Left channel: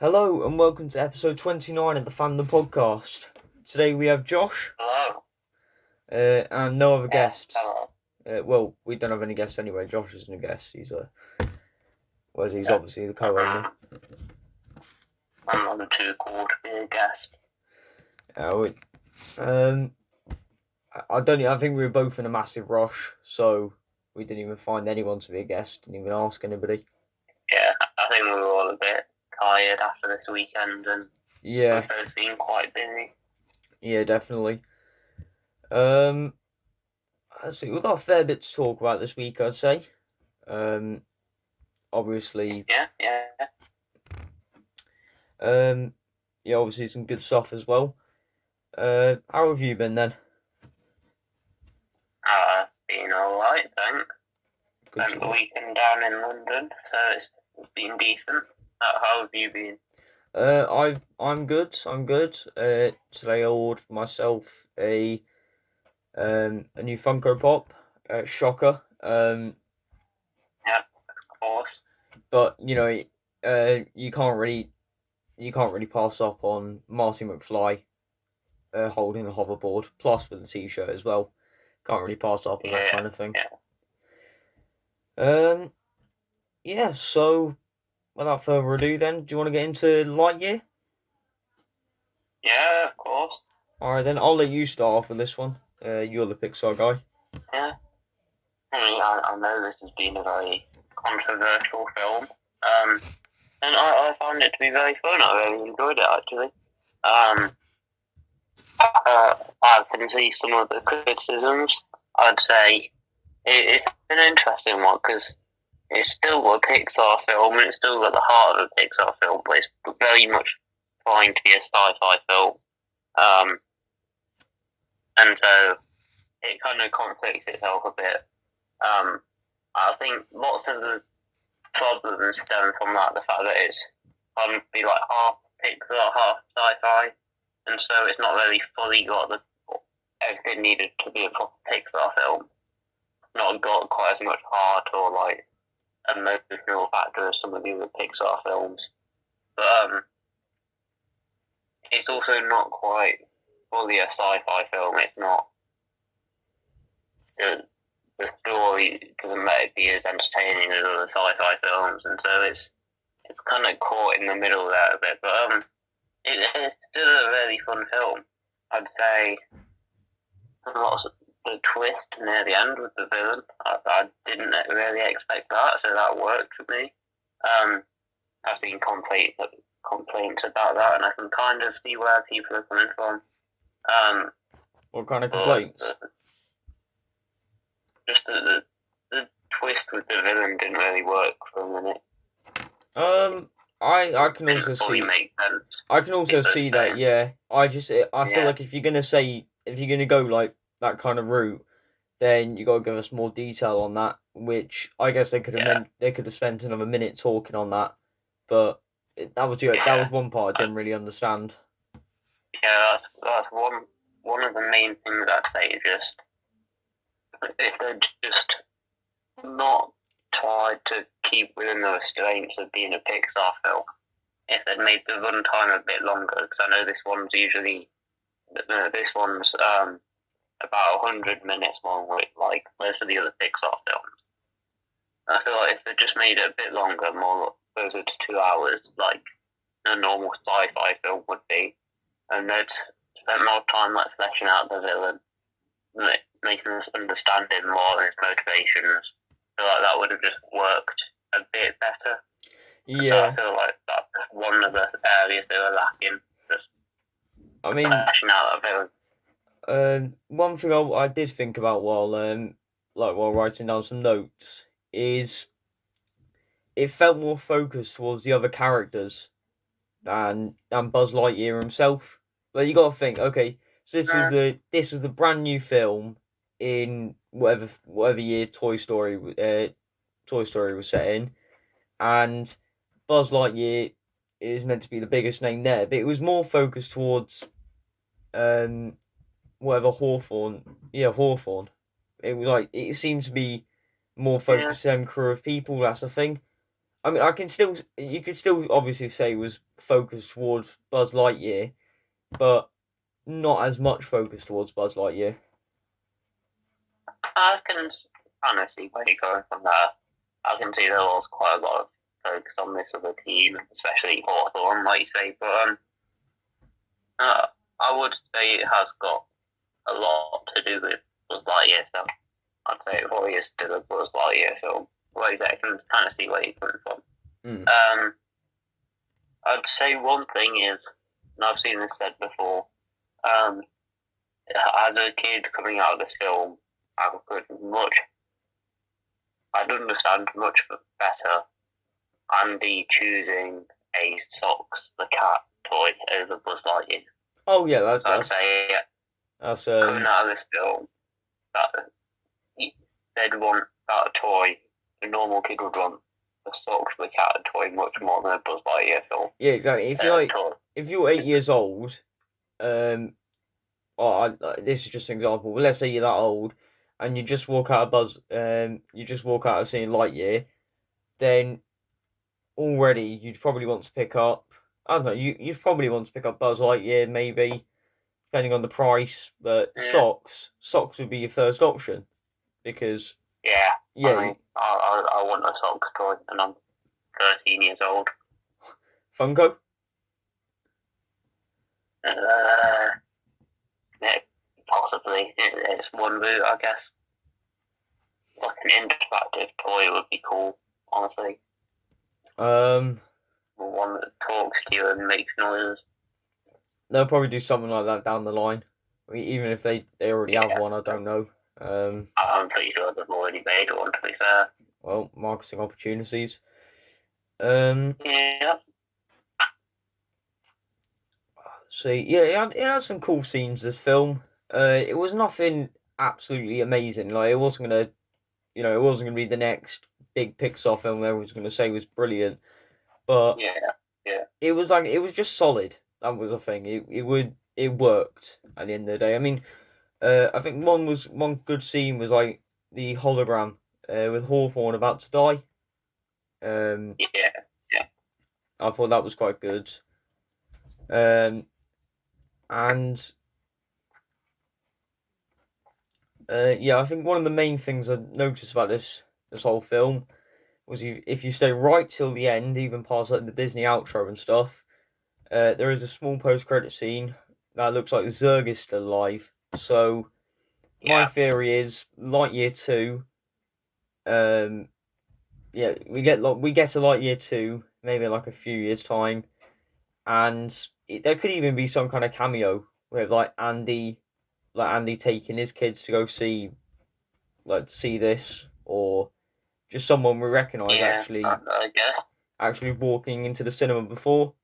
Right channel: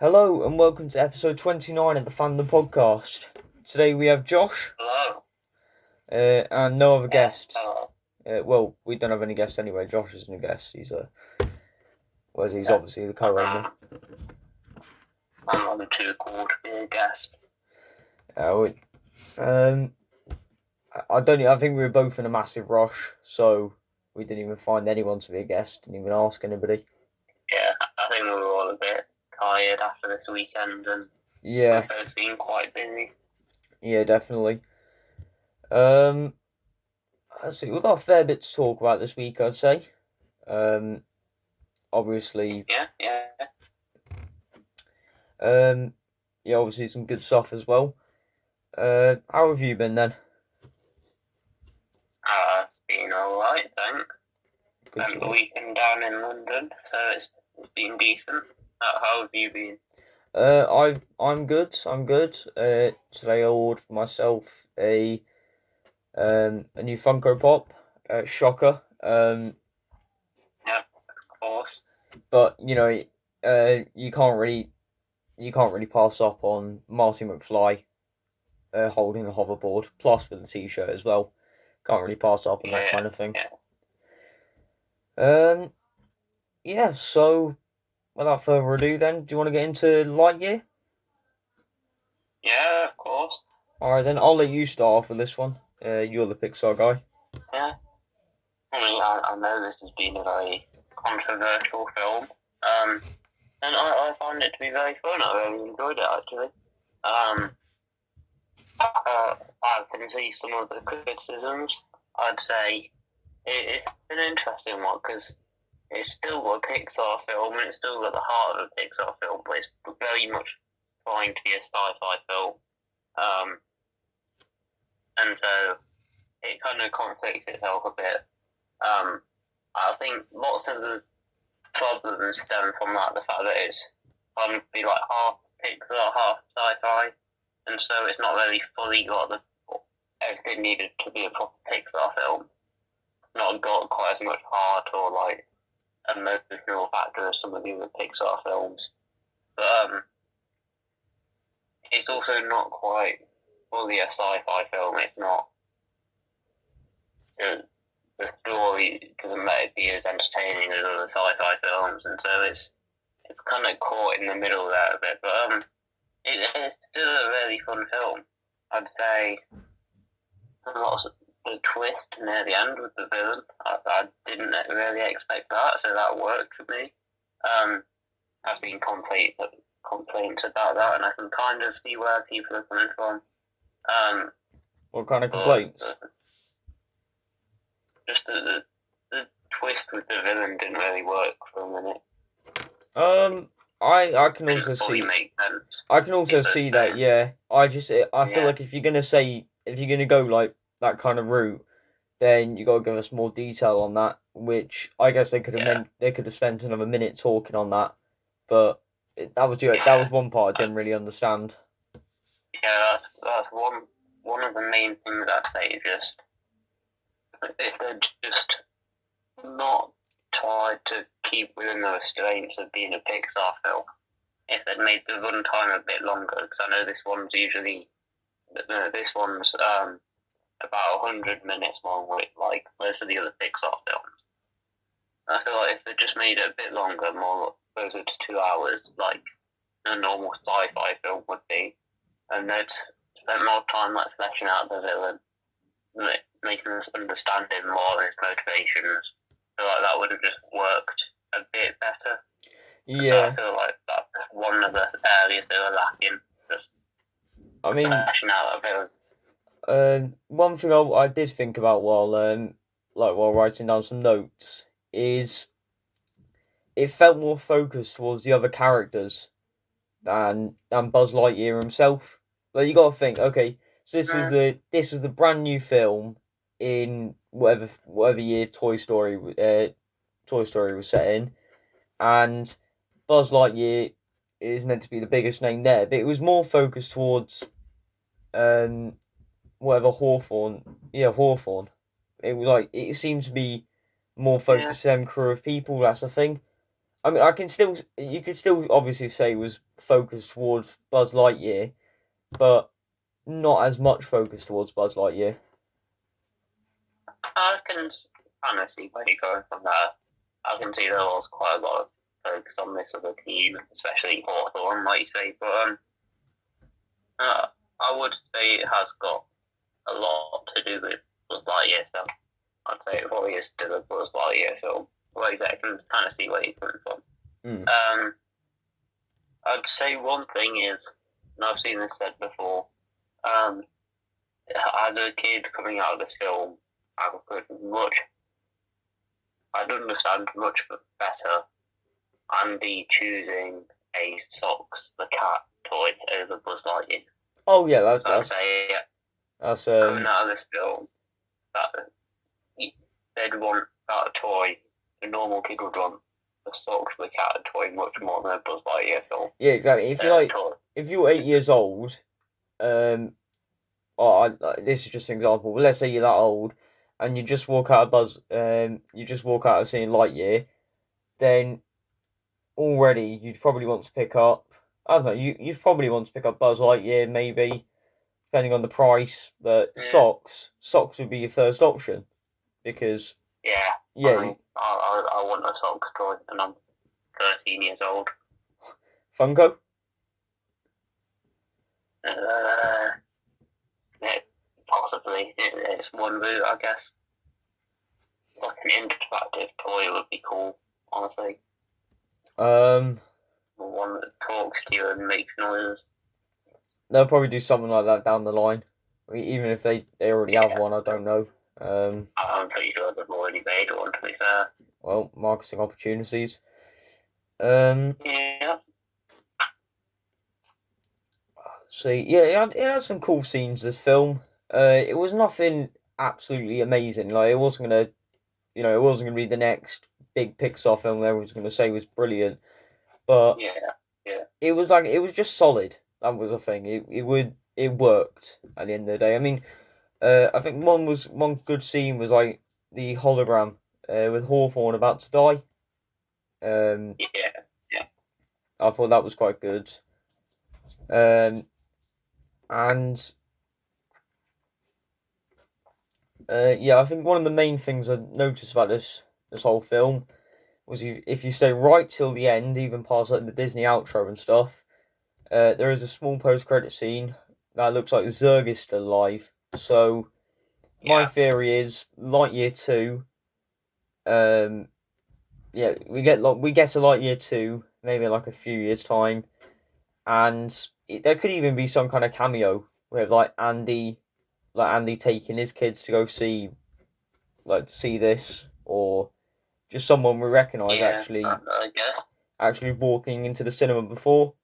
Hello and welcome to episode 29 of the Fandom Podcast. Today we have Josh Hello. and no other guests. Hello. Well, we don't have any guests anyway. Josh isn't a guest. He's obviously the co-owner. I'm not too cool to be a guest. I think we were both in a massive rush, so we didn't even find anyone to be a guest. Didn't even ask anybody. Yeah, I think we were all a bit tired after this weekend, and Yeah, we've both been quite busy. yeah, definitely. Let's see. We've got a fair bit to talk about this week, I'd say. Obviously. Yeah. Obviously some good stuff as well. How have you been then? Been alright, thanks. Spent the weekend down in London, so it's been decent. How have you been? I'm good. Today I ordered myself a new Funko Pop. Shocker. Yeah, of course. But you can't really pass up on Marty McFly holding the hoverboard, plus with the T-shirt as well. Can't really pass up on that kind of thing. So without further ado, then, do you want to get into Lightyear? Yeah, of course. All right, then I'll let you start off with this one. You're the Pixar guy. Yeah. I know this has been a very controversial film. And I found it to be very fun. I really enjoyed it, actually. I can see some of the criticisms. I'd say it's an interesting one because it's still a Pixar film and it's still at the heart of a Pixar film, but it's very much trying to be a sci-fi film. And so it kind of contradicts itself a bit. I think lots of the problems stem from that, the fact that it's going to be like half Pixar, half sci-fi, and so it's not really fully got everything needed to be a proper Pixar film. Not got quite as much heart or like emotional factor as some of the other Pixar films, but it's also not quite fully a sci-fi film. It's not. The story doesn't let it be as entertaining as other sci-fi films, and so it's kind of caught in the middle there a bit. But it's still a really fun film. I'd say lots of the twist near the end with the villain. I didn't really expect that, so that worked for me. I've seen complaints about that, and I can kind of see where people are coming from. What kind of complaints? Just the twist with the villain didn't really work for a minute. I can also see. I can also see that. Yeah, I feel like if you're gonna go like that kind of route, then you gotta give us more detail on that. Which I guess they could have spent another minute talking on that, but that was one part I didn't really understand. Yeah, that's one of the main things I'd say is just if they're just not tried to keep within the restraints of being a Pixar film. If they'd made the runtime a bit longer, because I know this one's about 100 minutes long, like most of the other Pixar films. I feel like if they just made it a bit longer, more closer to 2 hours, like a normal sci-fi film would be, and they'd spend more time like fleshing out the villain, making us understand him more and his motivations. I feel like that would have just worked a bit better. Yeah. I feel like that's one of the areas they were lacking. Fleshing out a villain. One thing I did think about while writing down some notes is it felt more focused towards the other characters than Buzz Lightyear himself. Like you got to think, okay, so this was the brand new film in whatever year Toy Story was set in, and Buzz Lightyear is meant to be the biggest name there, but it was more focused towards whatever Hawthorne. It was like it seemed to be more focused on crew of people. That's the thing. I mean, you could still obviously say it was focused towards Buzz Lightyear, but not as much focus towards Buzz Lightyear. I can kind of see where you're going from there. I can see there was quite a lot of focus on this other team, especially Hawthorne, like you say, but I would say it has got a lot to do with Buzz Lightyear, so I'd say it probably is still a Buzz Lightyear film. Like I can kind of see where you're coming from. I'd say one thing is, and I've seen this said before, as a kid coming out of this film, I'd understand much better Andy choosing a Socks the Cat toy over Buzz Lightyear. Oh yeah, that's coming out of this film, that they'd want that toy. A normal kid would want a Socks the Cat toy much more than a Buzz Lightyear film. Yeah, exactly. If you're 8 years old, this is just an example. But let's say you're that old, and you just walk out of seeing Lightyear, then already you'd probably want to pick up. I don't know. You'd probably want to pick up Buzz Lightyear, maybe, depending on the price. But socks would be your first option, because I want a Socks toy, and I'm 13 years old. Funko. Possibly. It's one route, I guess. Like an interactive toy would be cool, honestly. One that talks to you and makes noises. They'll probably do something like that down the line. I mean, even if they already have one, I don't know. I'm pretty sure they've already made one, to be fair. Well, marketing opportunities. Yeah. See, yeah, it had some cool scenes, this film. It was nothing absolutely amazing. Like, it wasn't gonna be the next big Pixar film everyone's gonna say was brilliant. But it was just solid. That was the thing. It worked at the end of the day. I mean, I think one good scene was like the hologram with Hawthorne about to die. I thought that was quite good. And I think one of the main things I noticed about this whole film was if you stay right till the end, even past like the Disney outro and stuff, there is a small post-credit scene that looks like Zurg is still alive. So my theory is Lightyear 2. We get to Lightyear 2 maybe in like a few years' time, and there could even be some kind of cameo with like Andy taking his kids to go see this, or just someone we recognise actually walking into the cinema before,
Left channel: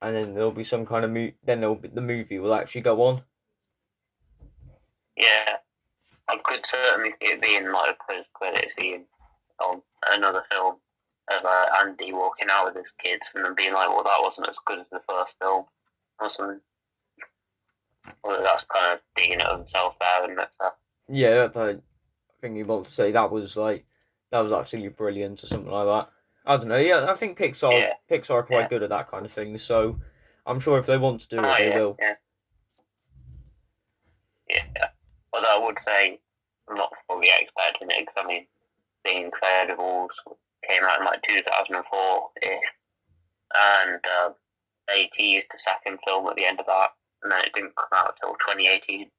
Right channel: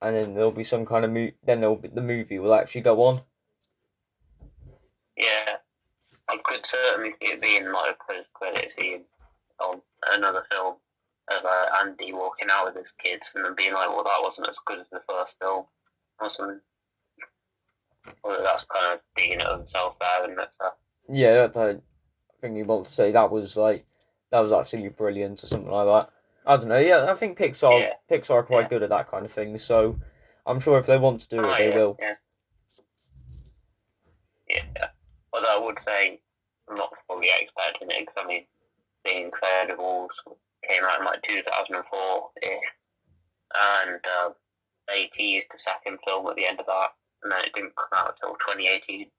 and then there'll be some kind of the movie will actually go on. Yeah, I could certainly see it being like a post-credit scene on another film of Andy walking out with his kids and then being like, well, that wasn't as good as the first film, or something. Well, that's kind of digging it himself there, isn't it? Yeah, I think you want to say that was absolutely brilliant or something like that. I don't know. Yeah, I think Pixar are quite good at that kind of thing. So I'm sure if they want to do it, they will. Yeah. Although I would say I'm not fully expecting it, because I mean, The Incredibles came out in like 2004-ish, and they teased the second film at the end of that, and then it didn't come out until 2018.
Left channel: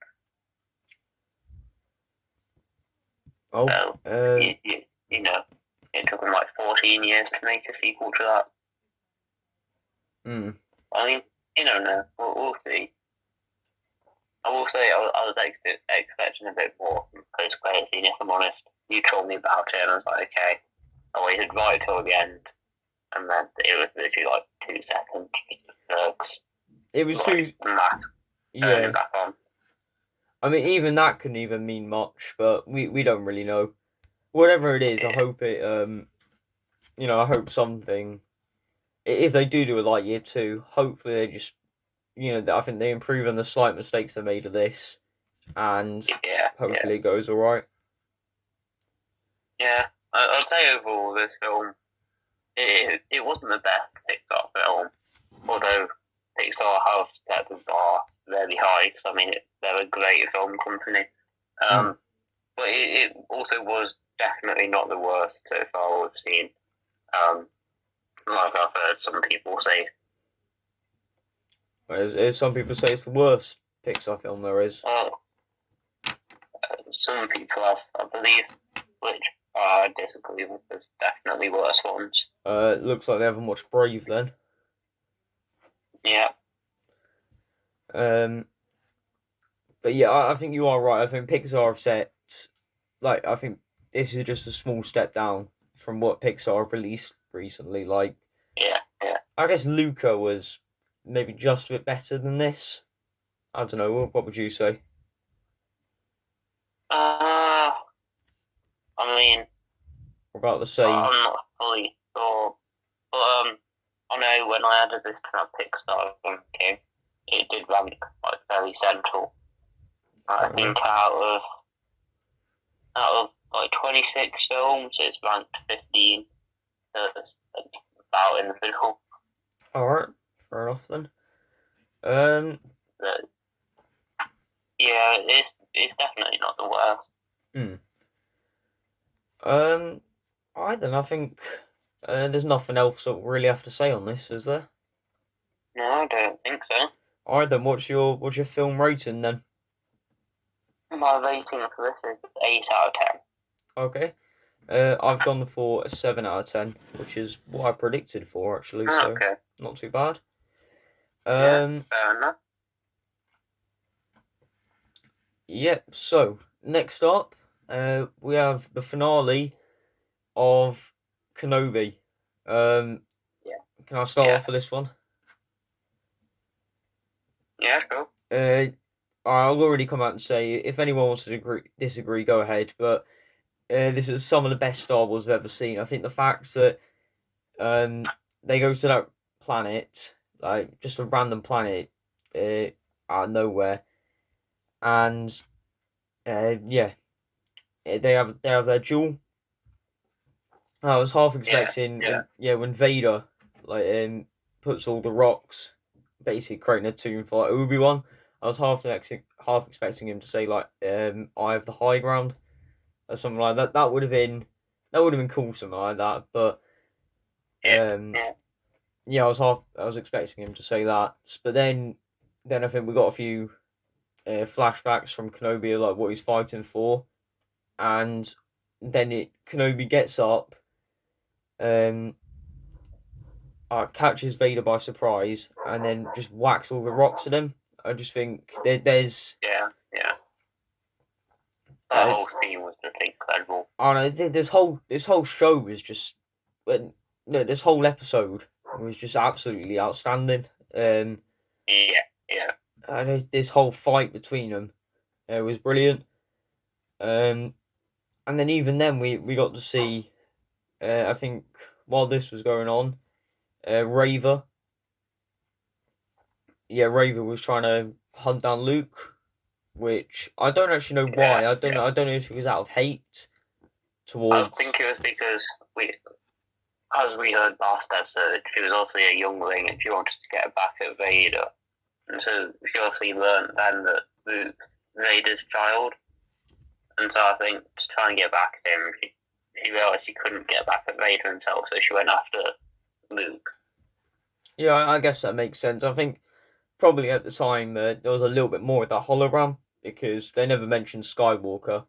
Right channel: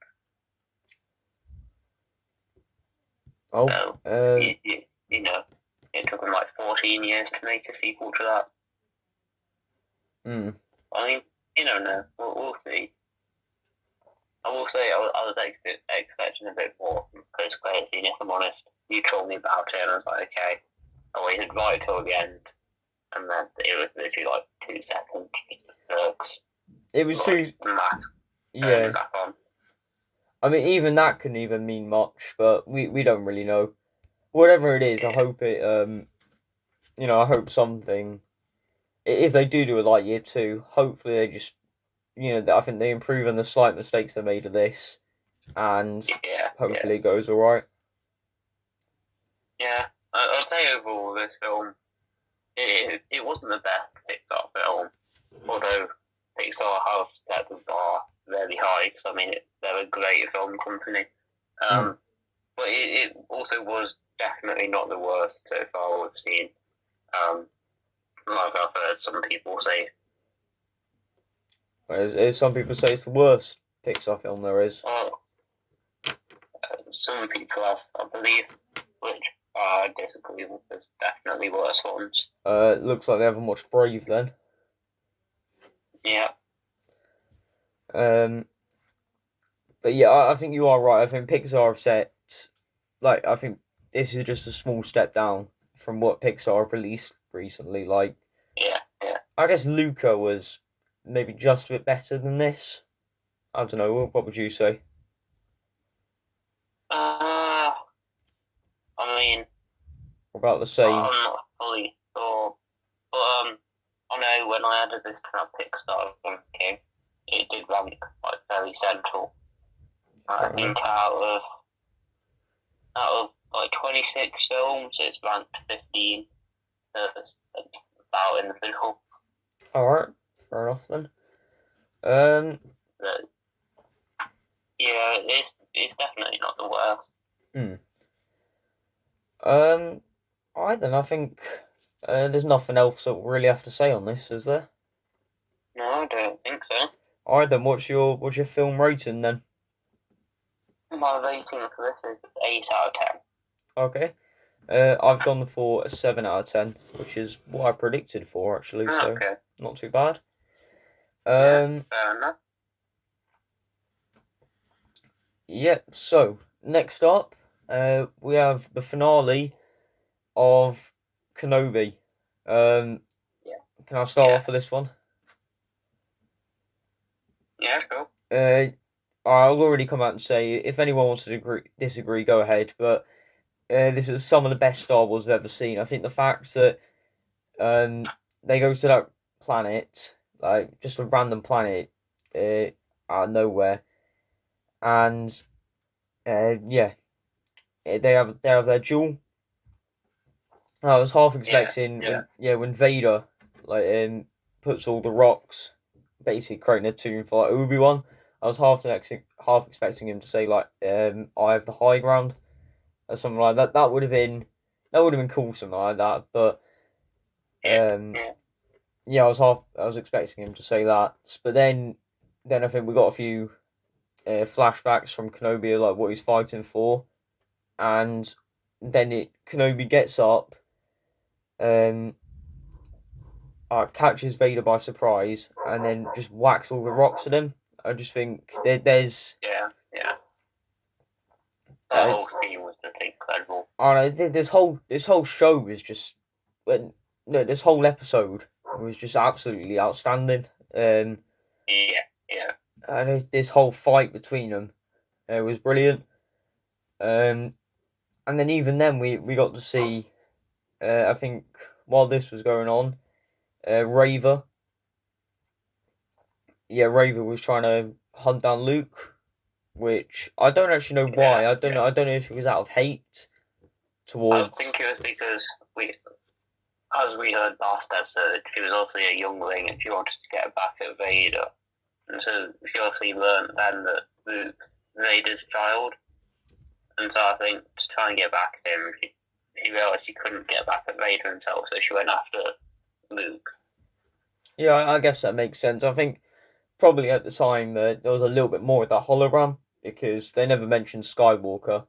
Oh, so, you know, it took them like 14 years to make a sequel to that. I mean, you don't know. We'll see. I will say I was expecting a bit more from post-credit scene, if I'm honest. You told me about it, and I was like, okay. I waited right till the end, and then it was literally like 2 seconds. It was too. Yeah. Back on. I mean, even that couldn't even mean much, but we don't really know. Whatever it is, I hope it. I hope something. If they do a Lightyear 2, hopefully they just. I think they improve on the slight mistakes they made of this, and hopefully it goes all right. Yeah, I'd say overall this film it wasn't the best Pixar film, although Pixar have set the bar very high, because I mean, they're a great film company. But it also was definitely not the worst so far we've seen. Like I've heard some people say. Some people say it's the worst Pixar film there is. Some people have, I believe, which I disagree with. There's definitely worse ones. It looks like they haven't watched Brave then. Yeah. But yeah, I think you are right. I think Pixar have set, like, I think this is just a small step down from what Pixar have released recently. Like, yeah. I guess Luca was maybe just a bit better than this. I don't know. What would you say? I mean, About the same. I'm not fully sure, but I know when I added this to our Pixar game, it did rank like very central. I think out of like 26 films, it's ranked 15. So it's about in the middle. Alright, fair enough then. But, yeah, it's definitely not the worst. I think there's nothing else that we really have to say on this, is there? No, I don't think so. Alright then, what's your film rating then? My rating for this is 8 out of 10. Okay. I've gone for a 7 out of 10, which is what I predicted for actually, so not too bad. Fair enough. Yep, so next up, we have the finale of Kenobi. Can I start off with this one? Yeah, sure. I'll already come out and say, if anyone wants to disagree, go ahead, but this is some of the best Star Wars I've ever seen. I think the fact that they go to that planet, like just a random planet out of nowhere, and they have their duel. I was half expecting when Vader puts all the rocks, basically creating a tomb for like, Obi-Wan. I was half expecting him to say like I have the high ground or something like that. That would have been cool, something like that. But I was expecting him to say that. But then I think we got a few flashbacks from Kenobi, like what he's fighting for, and then Kenobi gets up, catches Vader by surprise, and then just whacks all the rocks at him. I just think there's that whole scene was just incredible. I know this whole show was just this whole episode was just absolutely outstanding. And this whole fight between them was brilliant. And then even then we got to see, I think while this was going on, Raver was trying to hunt down Luke, which I don't actually know why. I don't know if it was out of hate towards. I think it was because as we heard last episode, she was obviously a youngling and she wanted to get back at Vader. And so she obviously learned then that Luke's Vader's child. And so I think to try and get back at him, she realised she couldn't get back at Vader himself, so she went after Luke. Yeah, I guess that makes sense. I think probably at the time there was a little bit more of that hologram because they never mentioned Skywalker.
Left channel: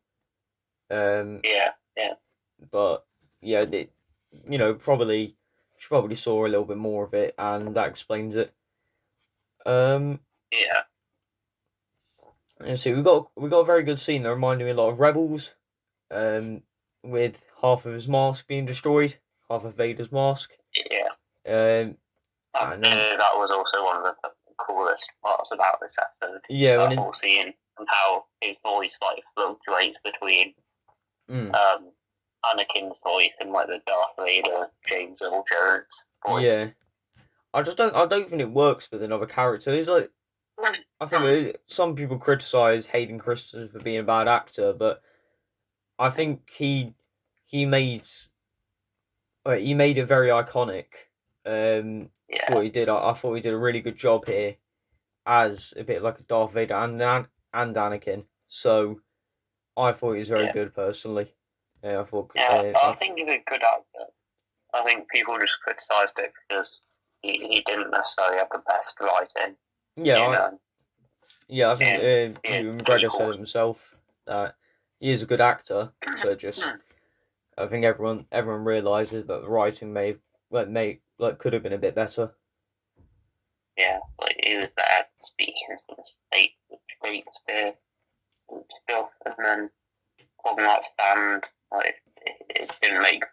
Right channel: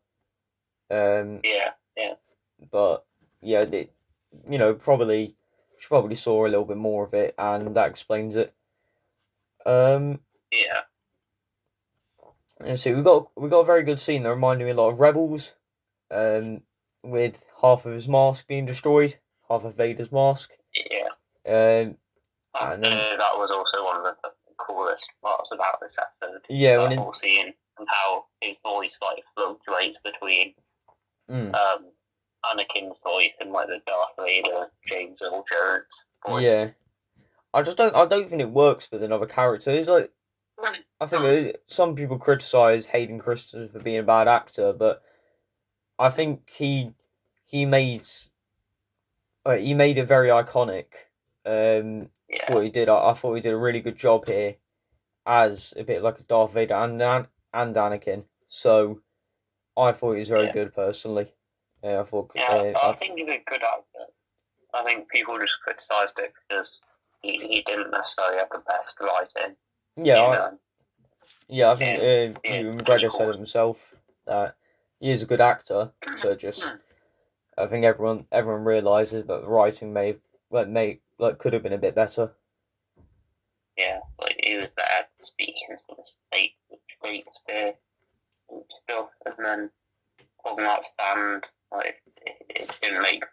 But yeah, probably she probably saw a little bit more of it, and that explains it. And so we got a very good scene that reminded me a lot of Rebels, with half of his mask being destroyed, half of Vader's mask. And then that was also one of the coolest parts about this episode. Yeah, that whole scene and how his voice like fluctuates between Anakin's voice and like the Darth Vader James Earl Jones voice. Yeah, I don't think it works with another character. It's like I think some people criticize Hayden Christensen for being a bad actor, but I think he made he made it very iconic. Yeah, For what he did, I thought he did a really good job here as a bit like a Darth Vader and Anakin. So I thought he was very yeah, good personally. I thought yeah. I think he's a good actor. I think people just criticised it because he didn't necessarily have the best writing yeah, in I think in Ewan McGregor said it prequels. himself that he is a good actor, but just I think everyone realizes that the writing could have been a bit better. Yeah, like he was bad speaking from the Shakespeare and stuff, and then talking like stand, like it didn't make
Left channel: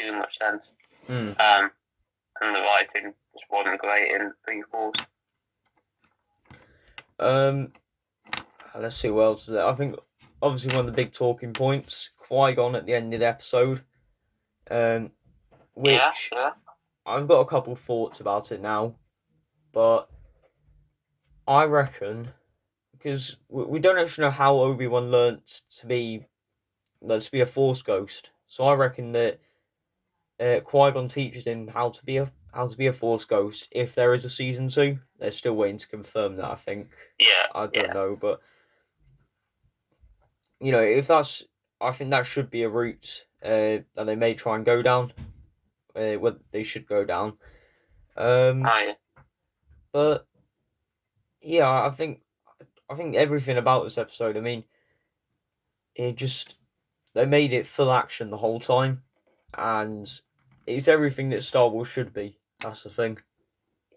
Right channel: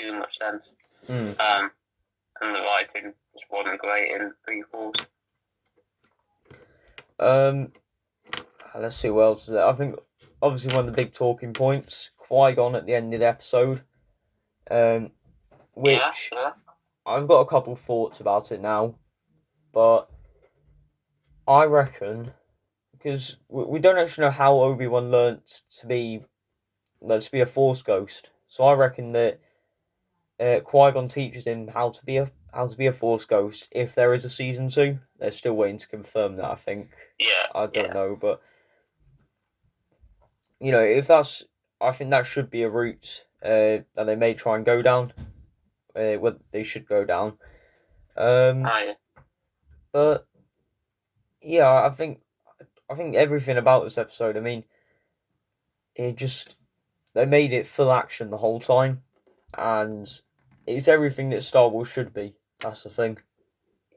too much sense. Mm. And the writing just wasn't great in prequels. Let's see what else is there. I think obviously one of the big talking points, Qui-Gon at the end of the episode, which Yeah. I've got a couple thoughts about it now, but I reckon because we don't actually know how Obi-Wan learnt to be a Force ghost, so I reckon that Qui-Gon teaches him how to be a Force ghost if there is a season 2. They're still waiting to confirm that. I think Yeah. I don't know, but if that's, I think that should be a route that they may try and go down. What they should go down. Yeah. But yeah, I think everything about this episode. I mean, it just they made it full action the whole time, and it's everything that Star Wars should be. That's the thing.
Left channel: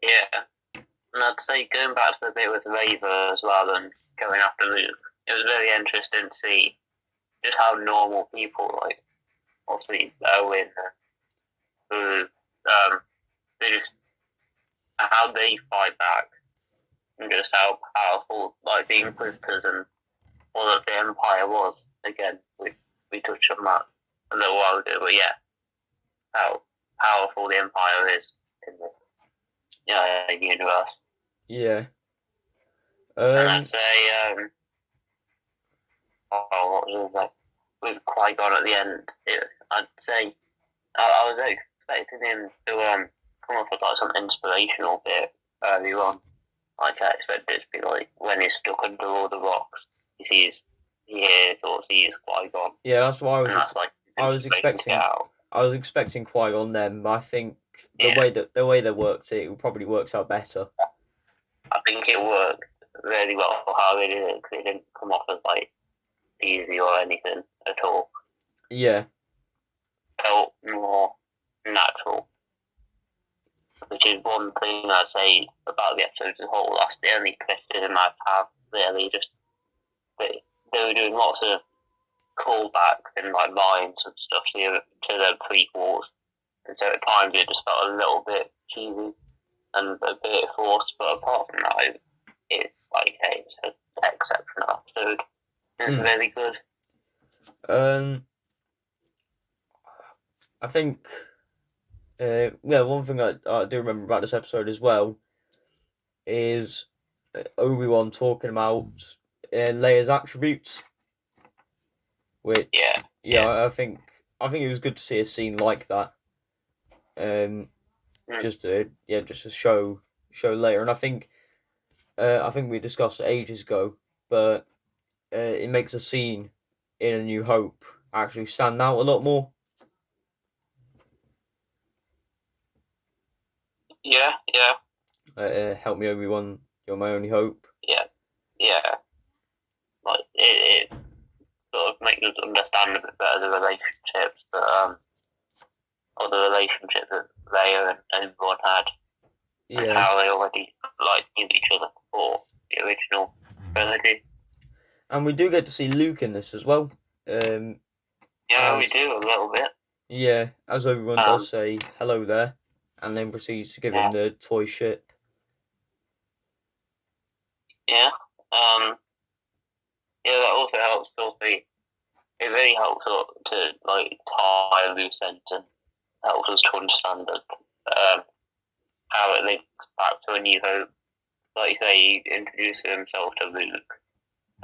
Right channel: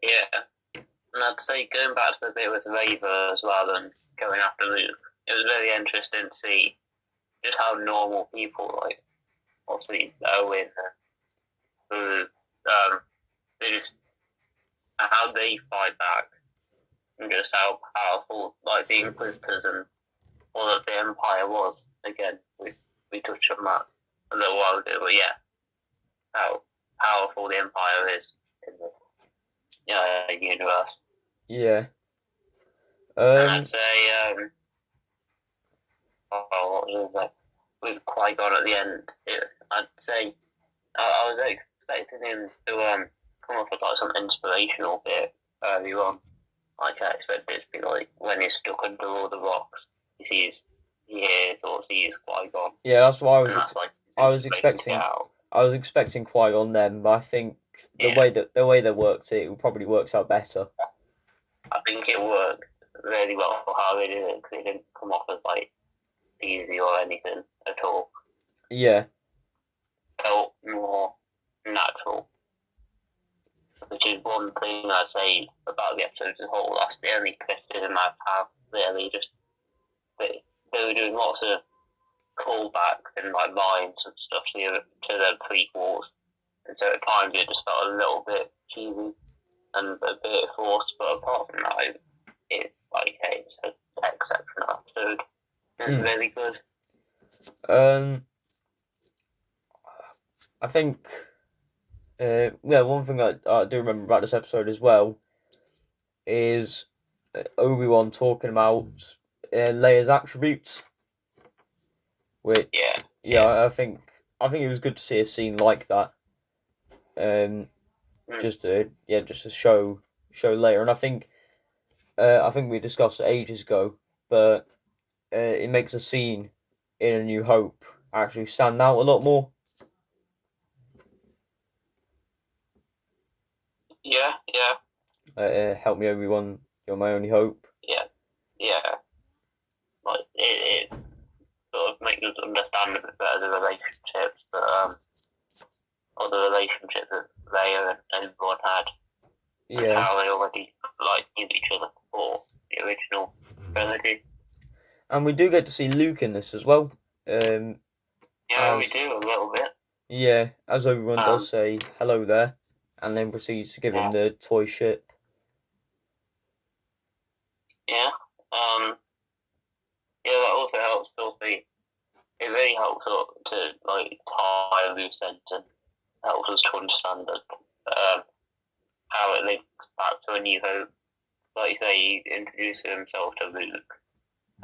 Yeah. And I'd say going back to the bit with Raver as well and going after Luke, it was very interesting to see just how normal people, like obviously Owen, who they just how they fight back and just how powerful like the Inquisitors and all of the Empire was. Again, we touched on that a little while ago, but yeah, how powerful the Empire is in the universe. Yeah. And I'd say, what was that? With Qui-Gon at the end, I'd say I was expecting him to come up with like some inspirational bit early on. Like I expected it to be like when he's stuck under all the rocks, he hears or sees Qui-Gon. Yeah, that's why I was expecting. expecting Qui-Gon then, but I think the Yeah, way they worked it probably works out better. I think it worked really well for how they did it because it didn't come off as like easy or anything at all. Yeah. It felt more natural, which is one thing I'd say about the episode as a whole. That's the only criticism I have really. Just they were doing lots of callbacks and like lines and stuff to the prequels, and so at times it just felt a little bit cheesy and a bit forced. But apart from that, it's like it's an exceptional episode. It's really good. I think one thing I do remember about this episode as well is Obi-Wan talking about Leia's attributes, which I think it was good to see a scene like that. Just to show Leia, and I think we discussed it ages ago, but it makes a scene in A New Hope actually stand out a lot more. Yeah. Help me, Obi-Wan, you're my only hope. Yeah. Like it sort of makes us understand a bit better the relationships that or the relationship that Leia and everyone had. And how they already knew each other before the original trilogy. And we do get to see Luke in this as well. We do a little bit. Yeah, as Obi-Wan does say hello there, and then proceeds to give him the toy ship. Yeah. That also helps it really helps to like tie loose ends and helps us to understand how it links back to A New Hope. Like you say, he introduces himself to Luke,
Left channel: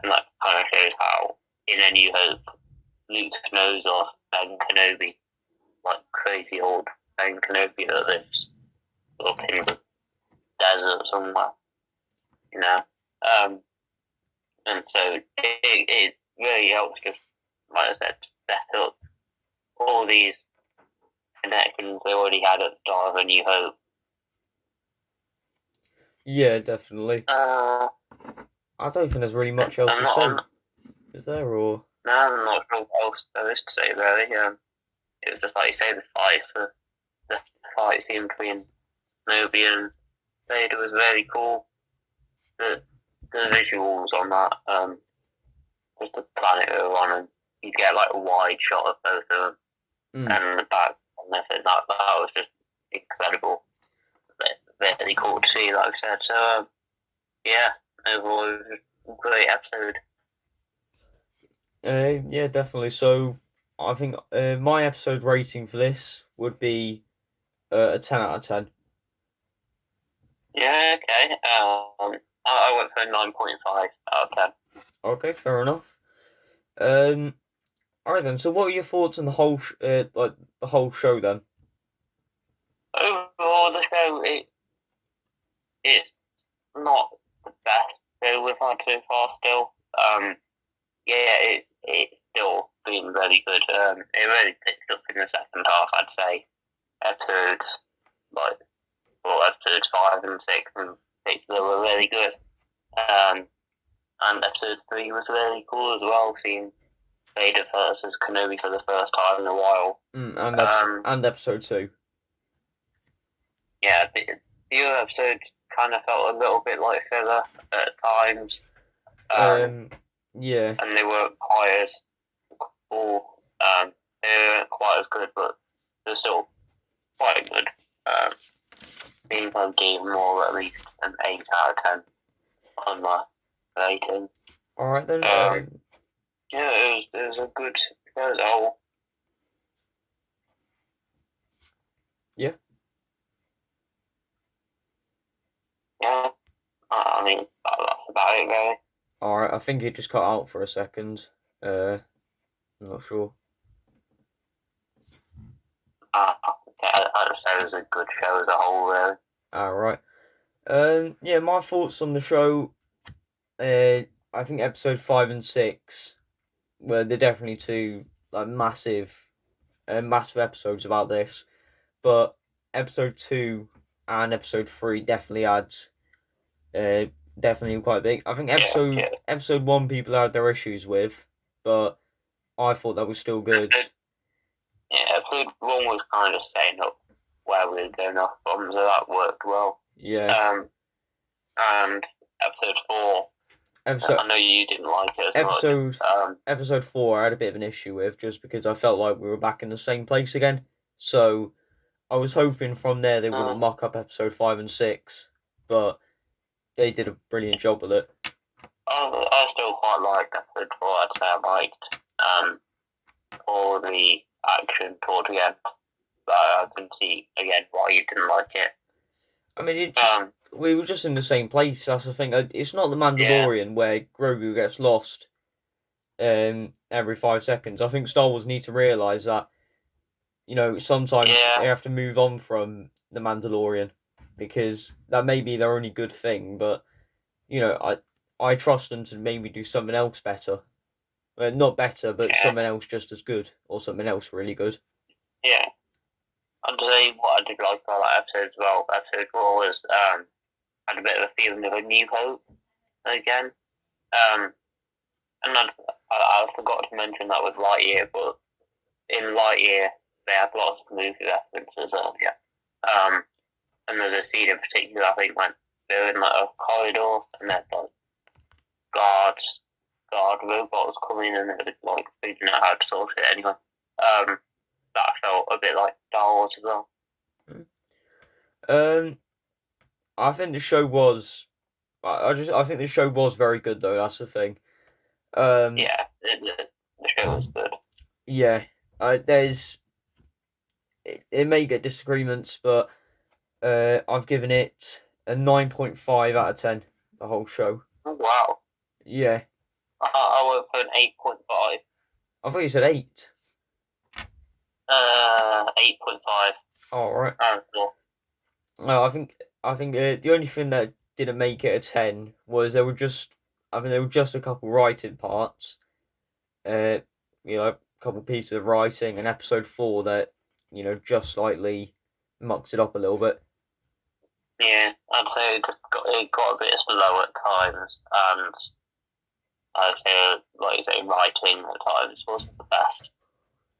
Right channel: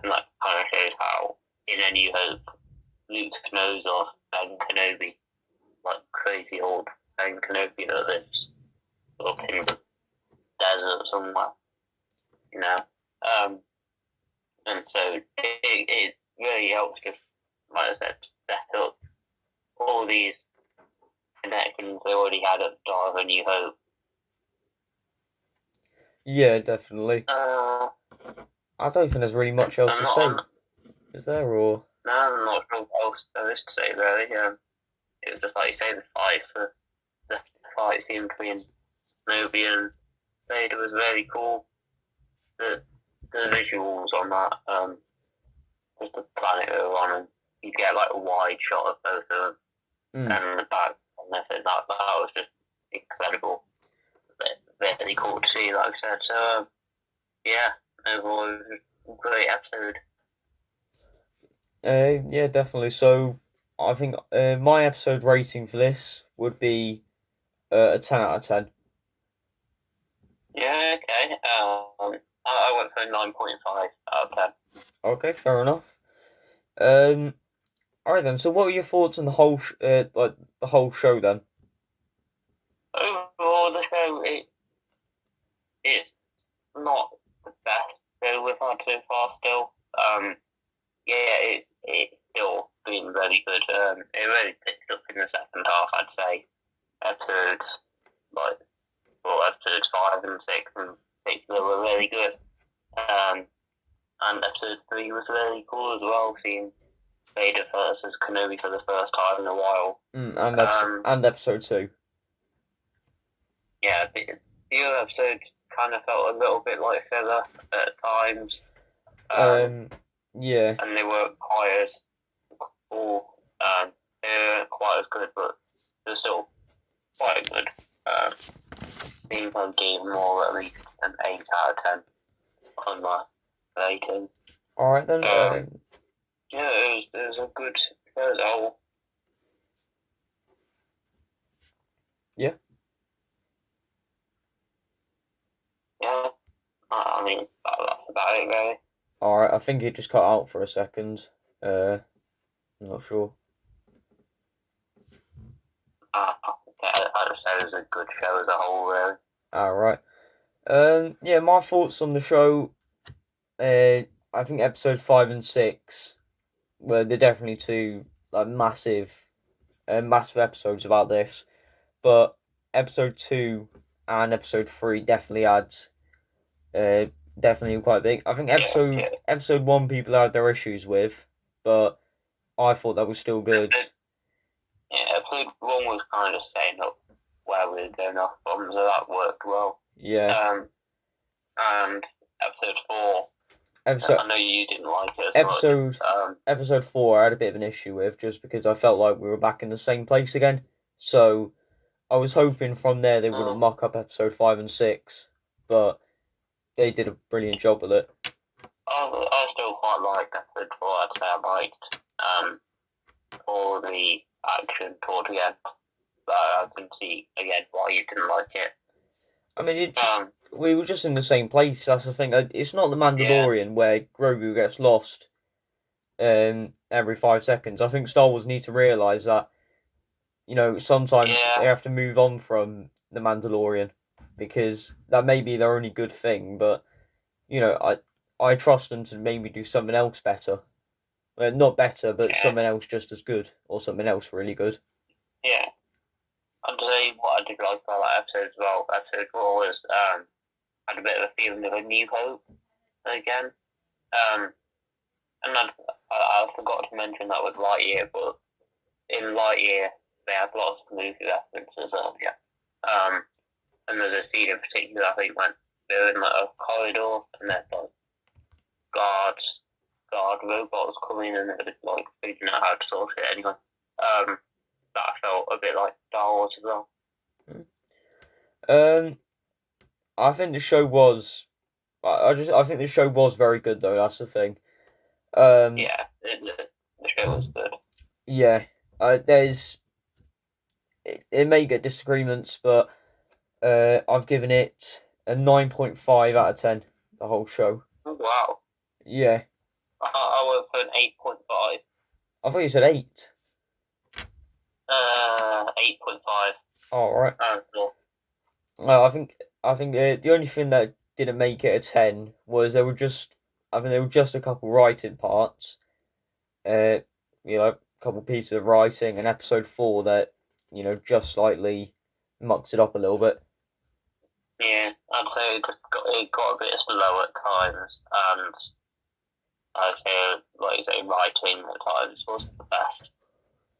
and that kind of shows how in A New Hope Luke knows of Ben Kenobi, like crazy old Kenobi that lives up in the desert somewhere, you know. And so it really helps just, like I said, set up all these connections they already had at the start of A New Hope. Yeah, definitely. Uh, I don't think there's really much else to say. Is there, or? No, I'm not sure what else there is to say, really. It was just like you say, the fight scene between Kenobi and Vader was really cool. The visuals on that, just the planet we were on, and you get like a wide shot of both of them, and the back, and everything. That was just incredible. Really cool to see, like I said. So, yeah, overall, it was a great episode. Yeah, definitely. So, I think my episode rating for this would be a 10 out of 10. Yeah, okay. I went for a 9.5 out of 10. Okay, fair enough. Alright then. So, what are your thoughts on the whole, like the whole show then? Overall, the show it's not the best show we've had so far. Still, yeah, it's still been really good. It really picked up in the second half, I'd say. Episodes episodes 5 and 6 in particular were really good. And episode 3 was really cool as well, seeing Vader versus Kenobi for the first time in a while. And episode 2. Yeah, the other episodes kind of felt a little bit like filler at times. Yeah. And they weren't quite as cool. They weren't quite as good, but they're still quite good. I think I gave them all at least an 8 out of 10 on my rating. Alright then. Yeah, it was a good show as a whole. Yeah. Yeah, I mean, that's about it, really. Alright, I think it just cut out for a second. I'm not sure. I'd say it was a good show as a whole, really. Alright. Yeah, my thoughts on the show. I think episode 5 and 6 were they're definitely two like massive episodes about this, but episode 2 and episode 3 definitely adds definitely quite big. I think episode 1 people had their issues with, but I thought that was still good. Yeah, episode 1 was kind of setting up where we were going off from, so that worked well. Yeah. And episode 4. I know you didn't like it as much. Episode 4 I had a bit of an issue with, just because I felt like we were back in the same place again. So I was hoping from there they wouldn't muck up episode 5 and 6, but they did a brilliant job with it. I still quite liked episode 4. I'd say I liked all the action towards the end. But I can see again why you didn't like it. I mean, we were just in the same place. That's the thing. It's not the Mandalorian where Grogu gets lost every 5 seconds. I think Star Wars need to realise that, you know, sometimes they have to move on from the Mandalorian, because that may be their only good thing, but, you know, I trust them to maybe do something else better. Not better, but something else just as good, or something else really good. Yeah. I'd say what I did like about that episode as well, episode 4 was, had a bit of a feeling of A New Hope again. And I forgot to mention that with Lightyear, but in Lightyear they had lots of movie references earlier. And there's a scene in particular, I think, when they're in like a corridor and there's like guard robots coming and they're like figuring out how to sort it anyway. That felt a bit like Star Wars as well. I think the show was. I think the show was very good though. That's the thing. Yeah, the show was good. Yeah, it may get disagreements, but I've given it a 9.5 out of 10. The whole show. Oh, wow. Yeah. I went for an 8.5. I thought you said 8. 8.5. All right. Cool. No, I think the only thing that didn't make it a 10 was there were just a couple writing parts, uh, a couple pieces of writing in episode 4 that just slightly mucks it up a little bit. Yeah, I'd say it got a bit slow at times, and I'd say, like you say, writing at times wasn't the best.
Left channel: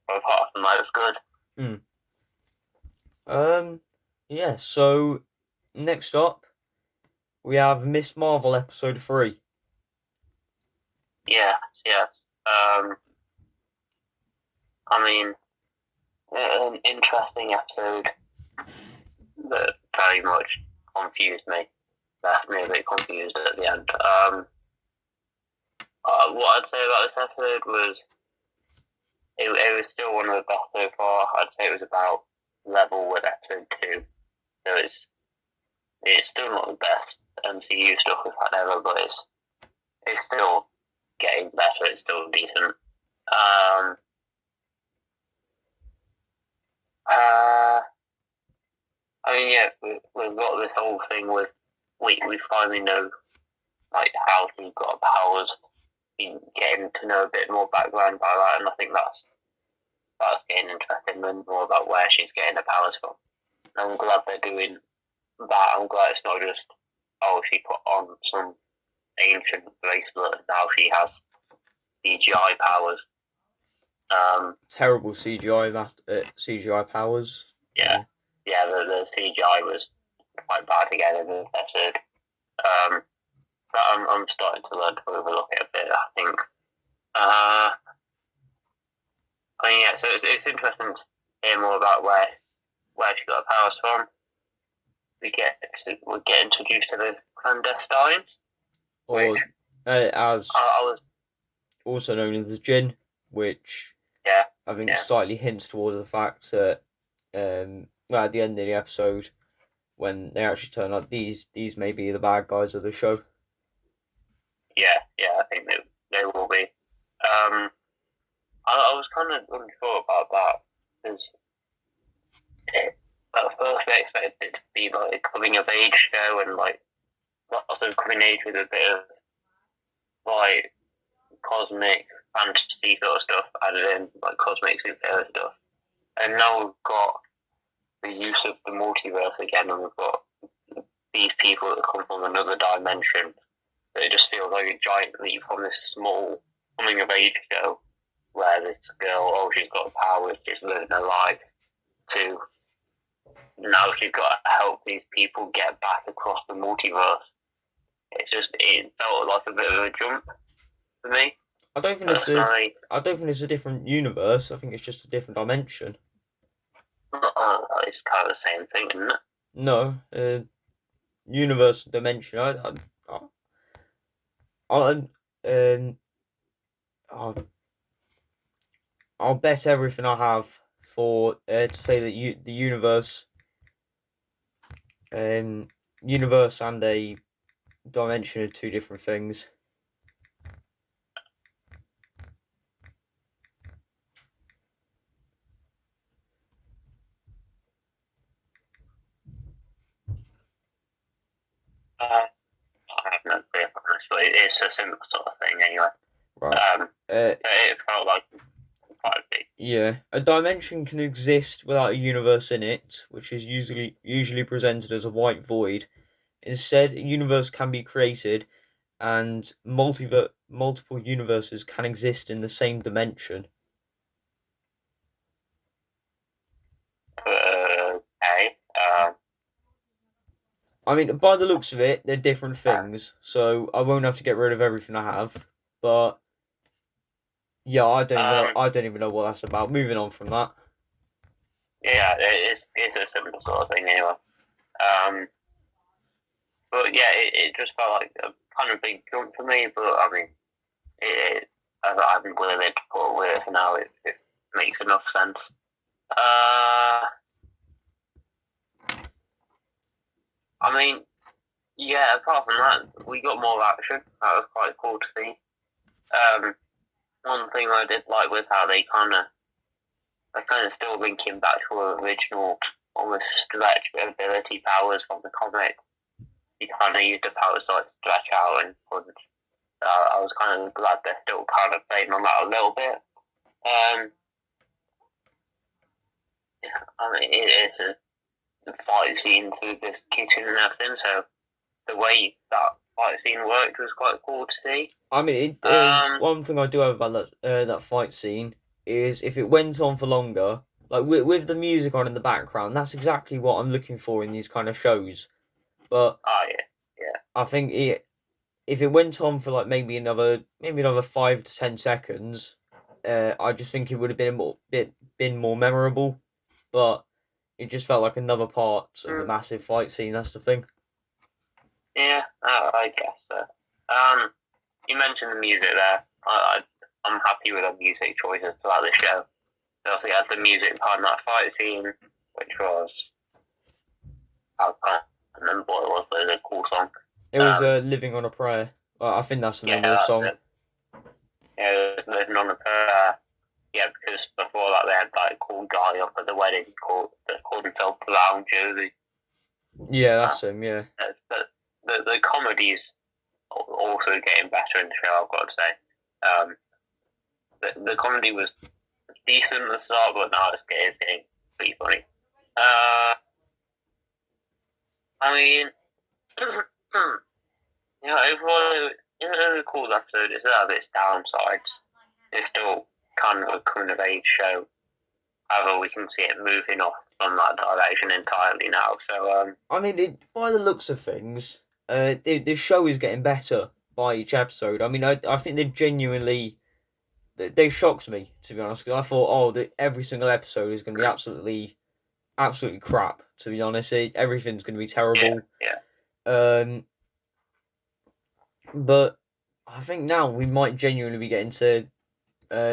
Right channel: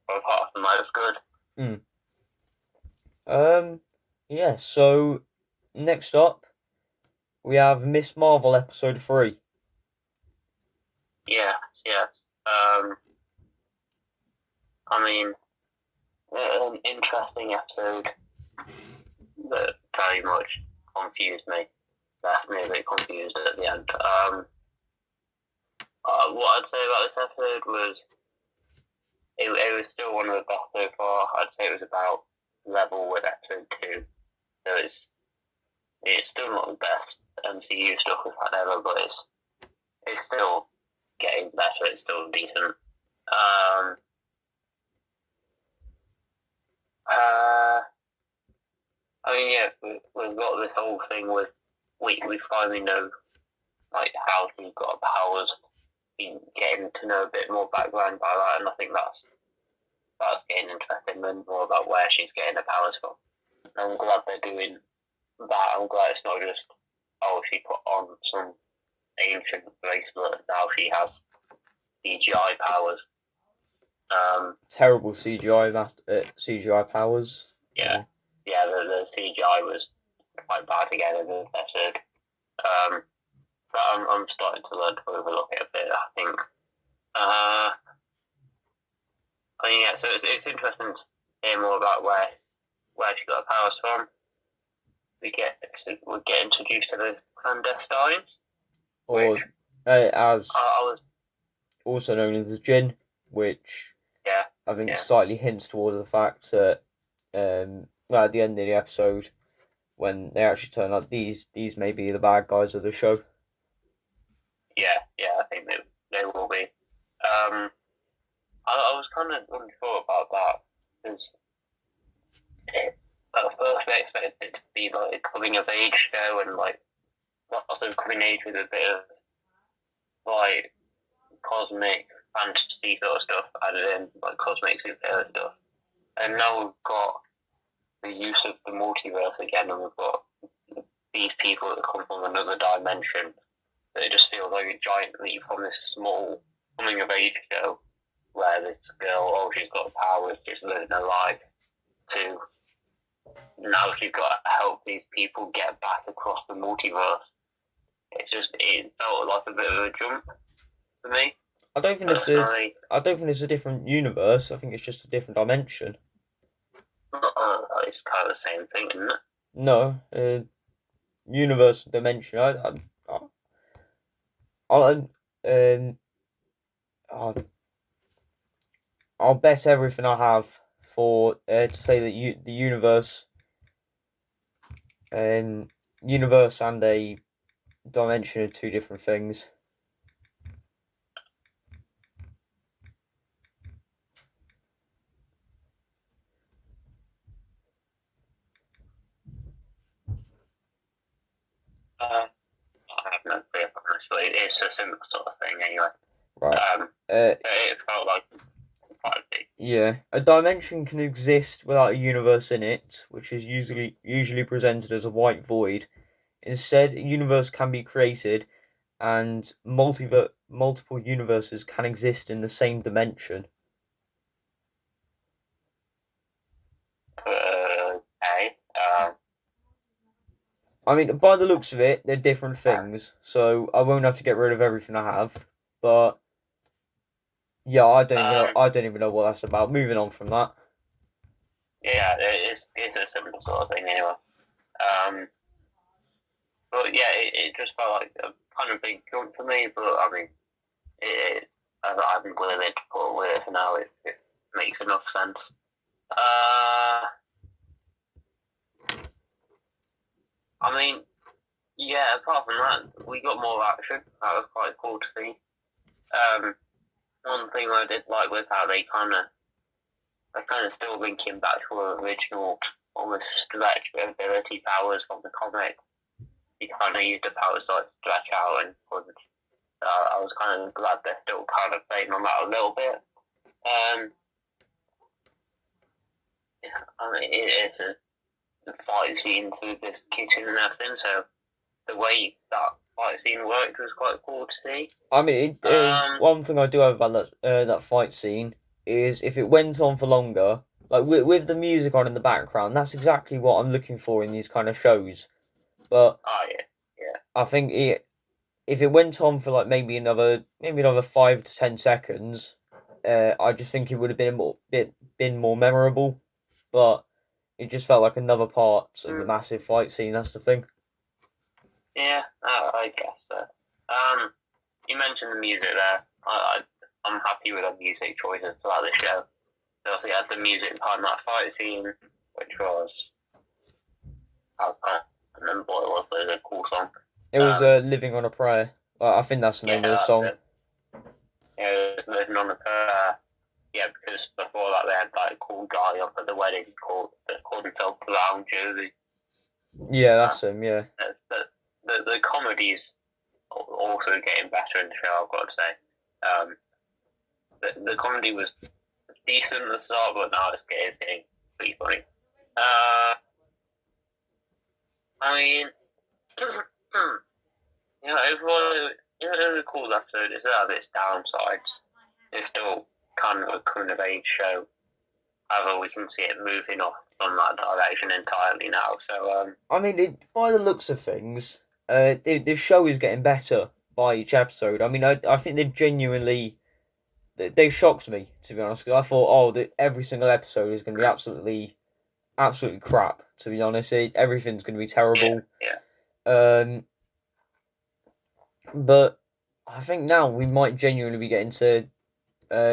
But apart from that, it was good. Yeah. So next up, we have Miss Marvel episode 3. Yes. I mean, an interesting episode that very much confused me. Left me a bit confused at the end. What I'd say about this episode was it was still one of the best so far. I'd say it was about level with episode 2. So it's still not the best MCU stuff we've had ever, but it's still getting better. It's still decent. I mean, yeah, we've got this whole thing with we finally know like how she's got powers. Been getting to know a bit more background about that, and I think that's getting interesting, and more about where she's getting the powers from. And I'm glad they're doing that. I'm glad it's not just she put on some ancient bracelet and now she has CGI powers. Terrible CGI powers. Yeah, the CGI was quite bad again in this episode. But I'm starting to learn to overlook it a bit, I think. I mean, yeah, so it's interesting to hear more about where she got her powers from. We get introduced to the clandestines, or as I was also known as the Jinn, which I think slightly hints towards the fact that at the end of the episode, when they actually turn up, these may be the bad guys of the show. Yeah, I think they will be. I was kind of unsure about that because at first I expected it to be like a coming of age show and like lots of coming age with a bit of like cosmic fantasy sort of stuff added in, like cosmic superhero stuff. And now we've got the use of the multiverse again, and we've got these people that come from another dimension. So it just feels like a giant leap from this small coming of age show where this girl, she's got powers, just living her life, to now she's got to help these people get back across the multiverse. It felt like a bit of a jump for me. I don't think it's a different universe. I think it's just a different dimension. It's kind of the same thing, isn't it? No, universe dimension. I'll bet everything I have for to say that the universe and a dimension are two different things. I have no clue, honestly. It's a similar sort of thing, anyway. Right. It felt like quite big. Yeah, a dimension can exist without a universe in it, which is usually presented as a white void. Instead, a universe can be created, and multiple universes can exist in the same dimension. Okay. I mean, by the looks of it, they're different things, so I won't have to get rid of everything I have. But yeah, I don't even know what that's about. Moving on from that. Yeah, it's a similar sort of thing anyway. But yeah, it just felt like a kind of big jump for me. But I mean, I've been willing to put away for now. It makes enough sense. I mean, yeah. Apart from that, we got more action. That was quite cool to see. One thing I did like was how they kind of I kind of still linking back to her original, almost stretch ability powers from the comic. He kind of used the powers to like stretch out and punch. I was kind of glad they're still kind of playing on that a little bit. Yeah, I mean, it's a fight scene through this kitchen and everything, so the way that fight scene worked was quite cool to see. I mean, one thing I do have about that fight scene is if it went on for longer, like with the music on in the background, that's exactly what I'm looking for in these kind of shows. But I think if it went on for like maybe another 5 to 10 seconds, I just think it would have been more memorable. But it just felt like another part of the massive fight scene. That's the thing. Yeah, I guess so. You mentioned the music there. I'm happy with the music choices throughout the show. So obviously, had the music part in that fight scene, which was I can't remember what it was, but it was a cool song. It was "Living on a Prayer." I think that's the name of the song. Yeah, it was "Living on a Prayer." Yeah, because before that they had that cool guy up at the wedding called himself Brown Josie. Yeah, that's him. Yeah. But the comedy's also getting better in the show, I've got to say. The comedy was decent at the start, but now it's getting pretty funny. I mean, overall, it was a cool episode. It's have its downsides. It's still kind of a coming of age show. However, we can see it moving off from that direction entirely now. So, I mean, by the looks of things, the show is getting better by each episode. I mean, I think they shocked me, to be honest, because I thought, every single episode is going to be absolutely crap. To be honest, everything's going to be terrible. Yeah. But I think now we might genuinely be getting to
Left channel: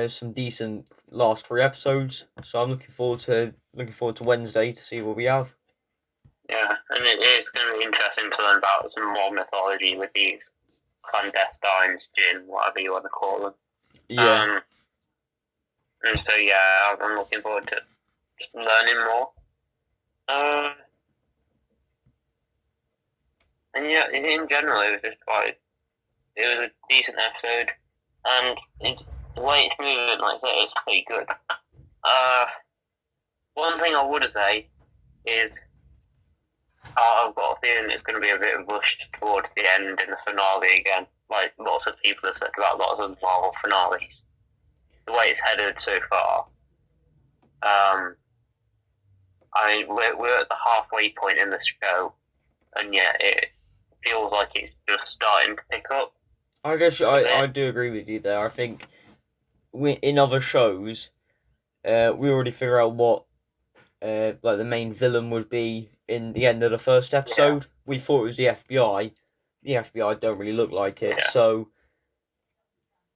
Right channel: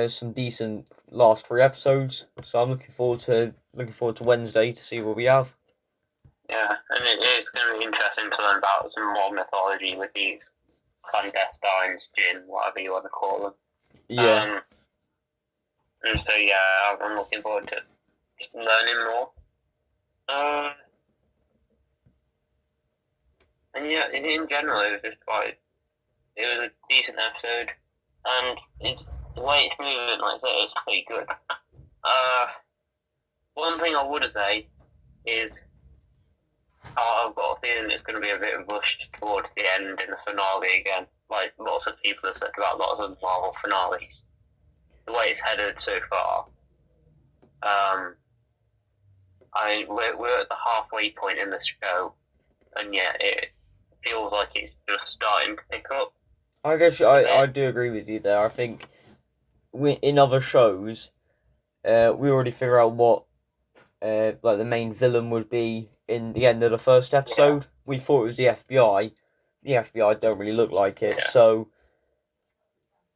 some decent last 3 episodes. So I'm looking forward to Wednesday to see what we have. Yeah, and it is going to be interesting to learn about some more mythology with these clandestines, jinn, whatever you want to call them. Yeah. And so, yeah, I'm looking forward to just learning more. And yeah, in general, it was a decent episode, and the way it's moving, like I say, it's pretty good. One thing I would say is I've got a feeling it's going to be a bit rushed towards the end in the finale again. Like lots of people have said about lots of Marvel finales. The way it's headed so far, I mean, we're at the halfway point in the show, and yet it feels like it's just starting to pick up. I guess I do agree with you there. I think in other shows, we already figure out what like the main villain would be in the end of the first episode. Yeah. We thought it was the FBI. The FBI don't really look like it, so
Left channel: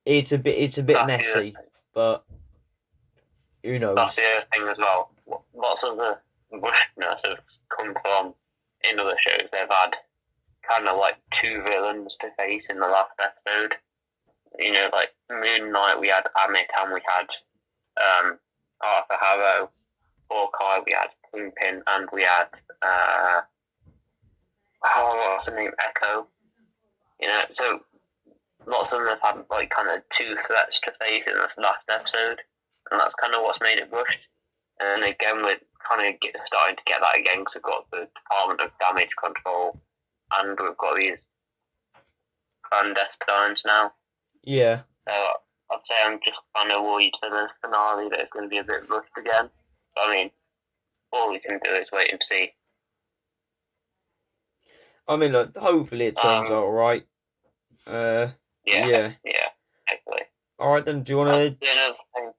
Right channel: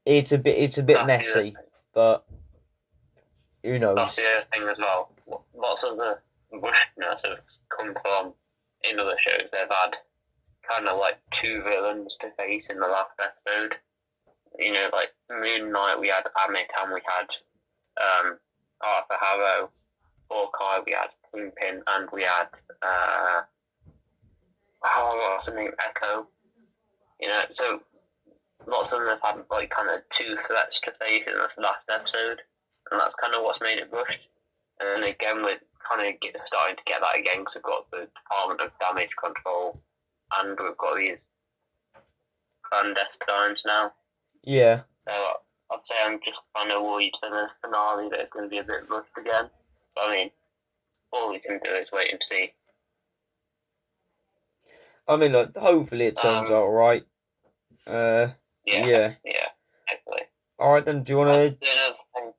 it's a bit messy. But who knows? That's the other thing as well. Lots of the rushedness has come from in other shows. They've had kind of like 2 villains to face in the last episode. You know, like Moon Knight, we had Amit and we had Arthur Harrow. Hawkeye, we had Kingpin, and we had what's the name? Echo. You know, so lots of them have had like kind of 2 threats to face in this last episode, and that's kind of what's made it rushed. And again, we're kind of starting to get that again because we've got the Department of Damage Control, and we've got these clandestines now. Yeah. So I'd say I'm just kind of worried for the finale that it's going to be a bit rushed again. I mean, all we can do is wait and see. I mean, look, hopefully it turns out all right. Yeah, hopefully. All right, then. Do you want to? Another thing.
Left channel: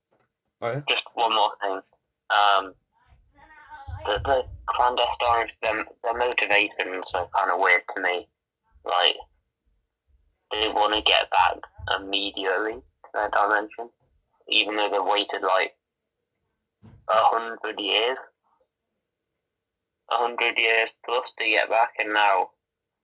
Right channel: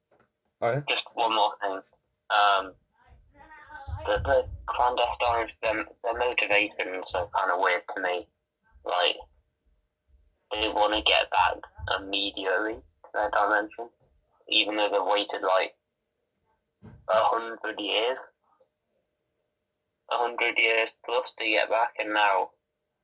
Right. Just one more thing. The clandestines, their motivations are kind of weird to me. Like, they want to get back immediately to their dimension, even though they've waited like 100 years. 100 years plus to get back, and now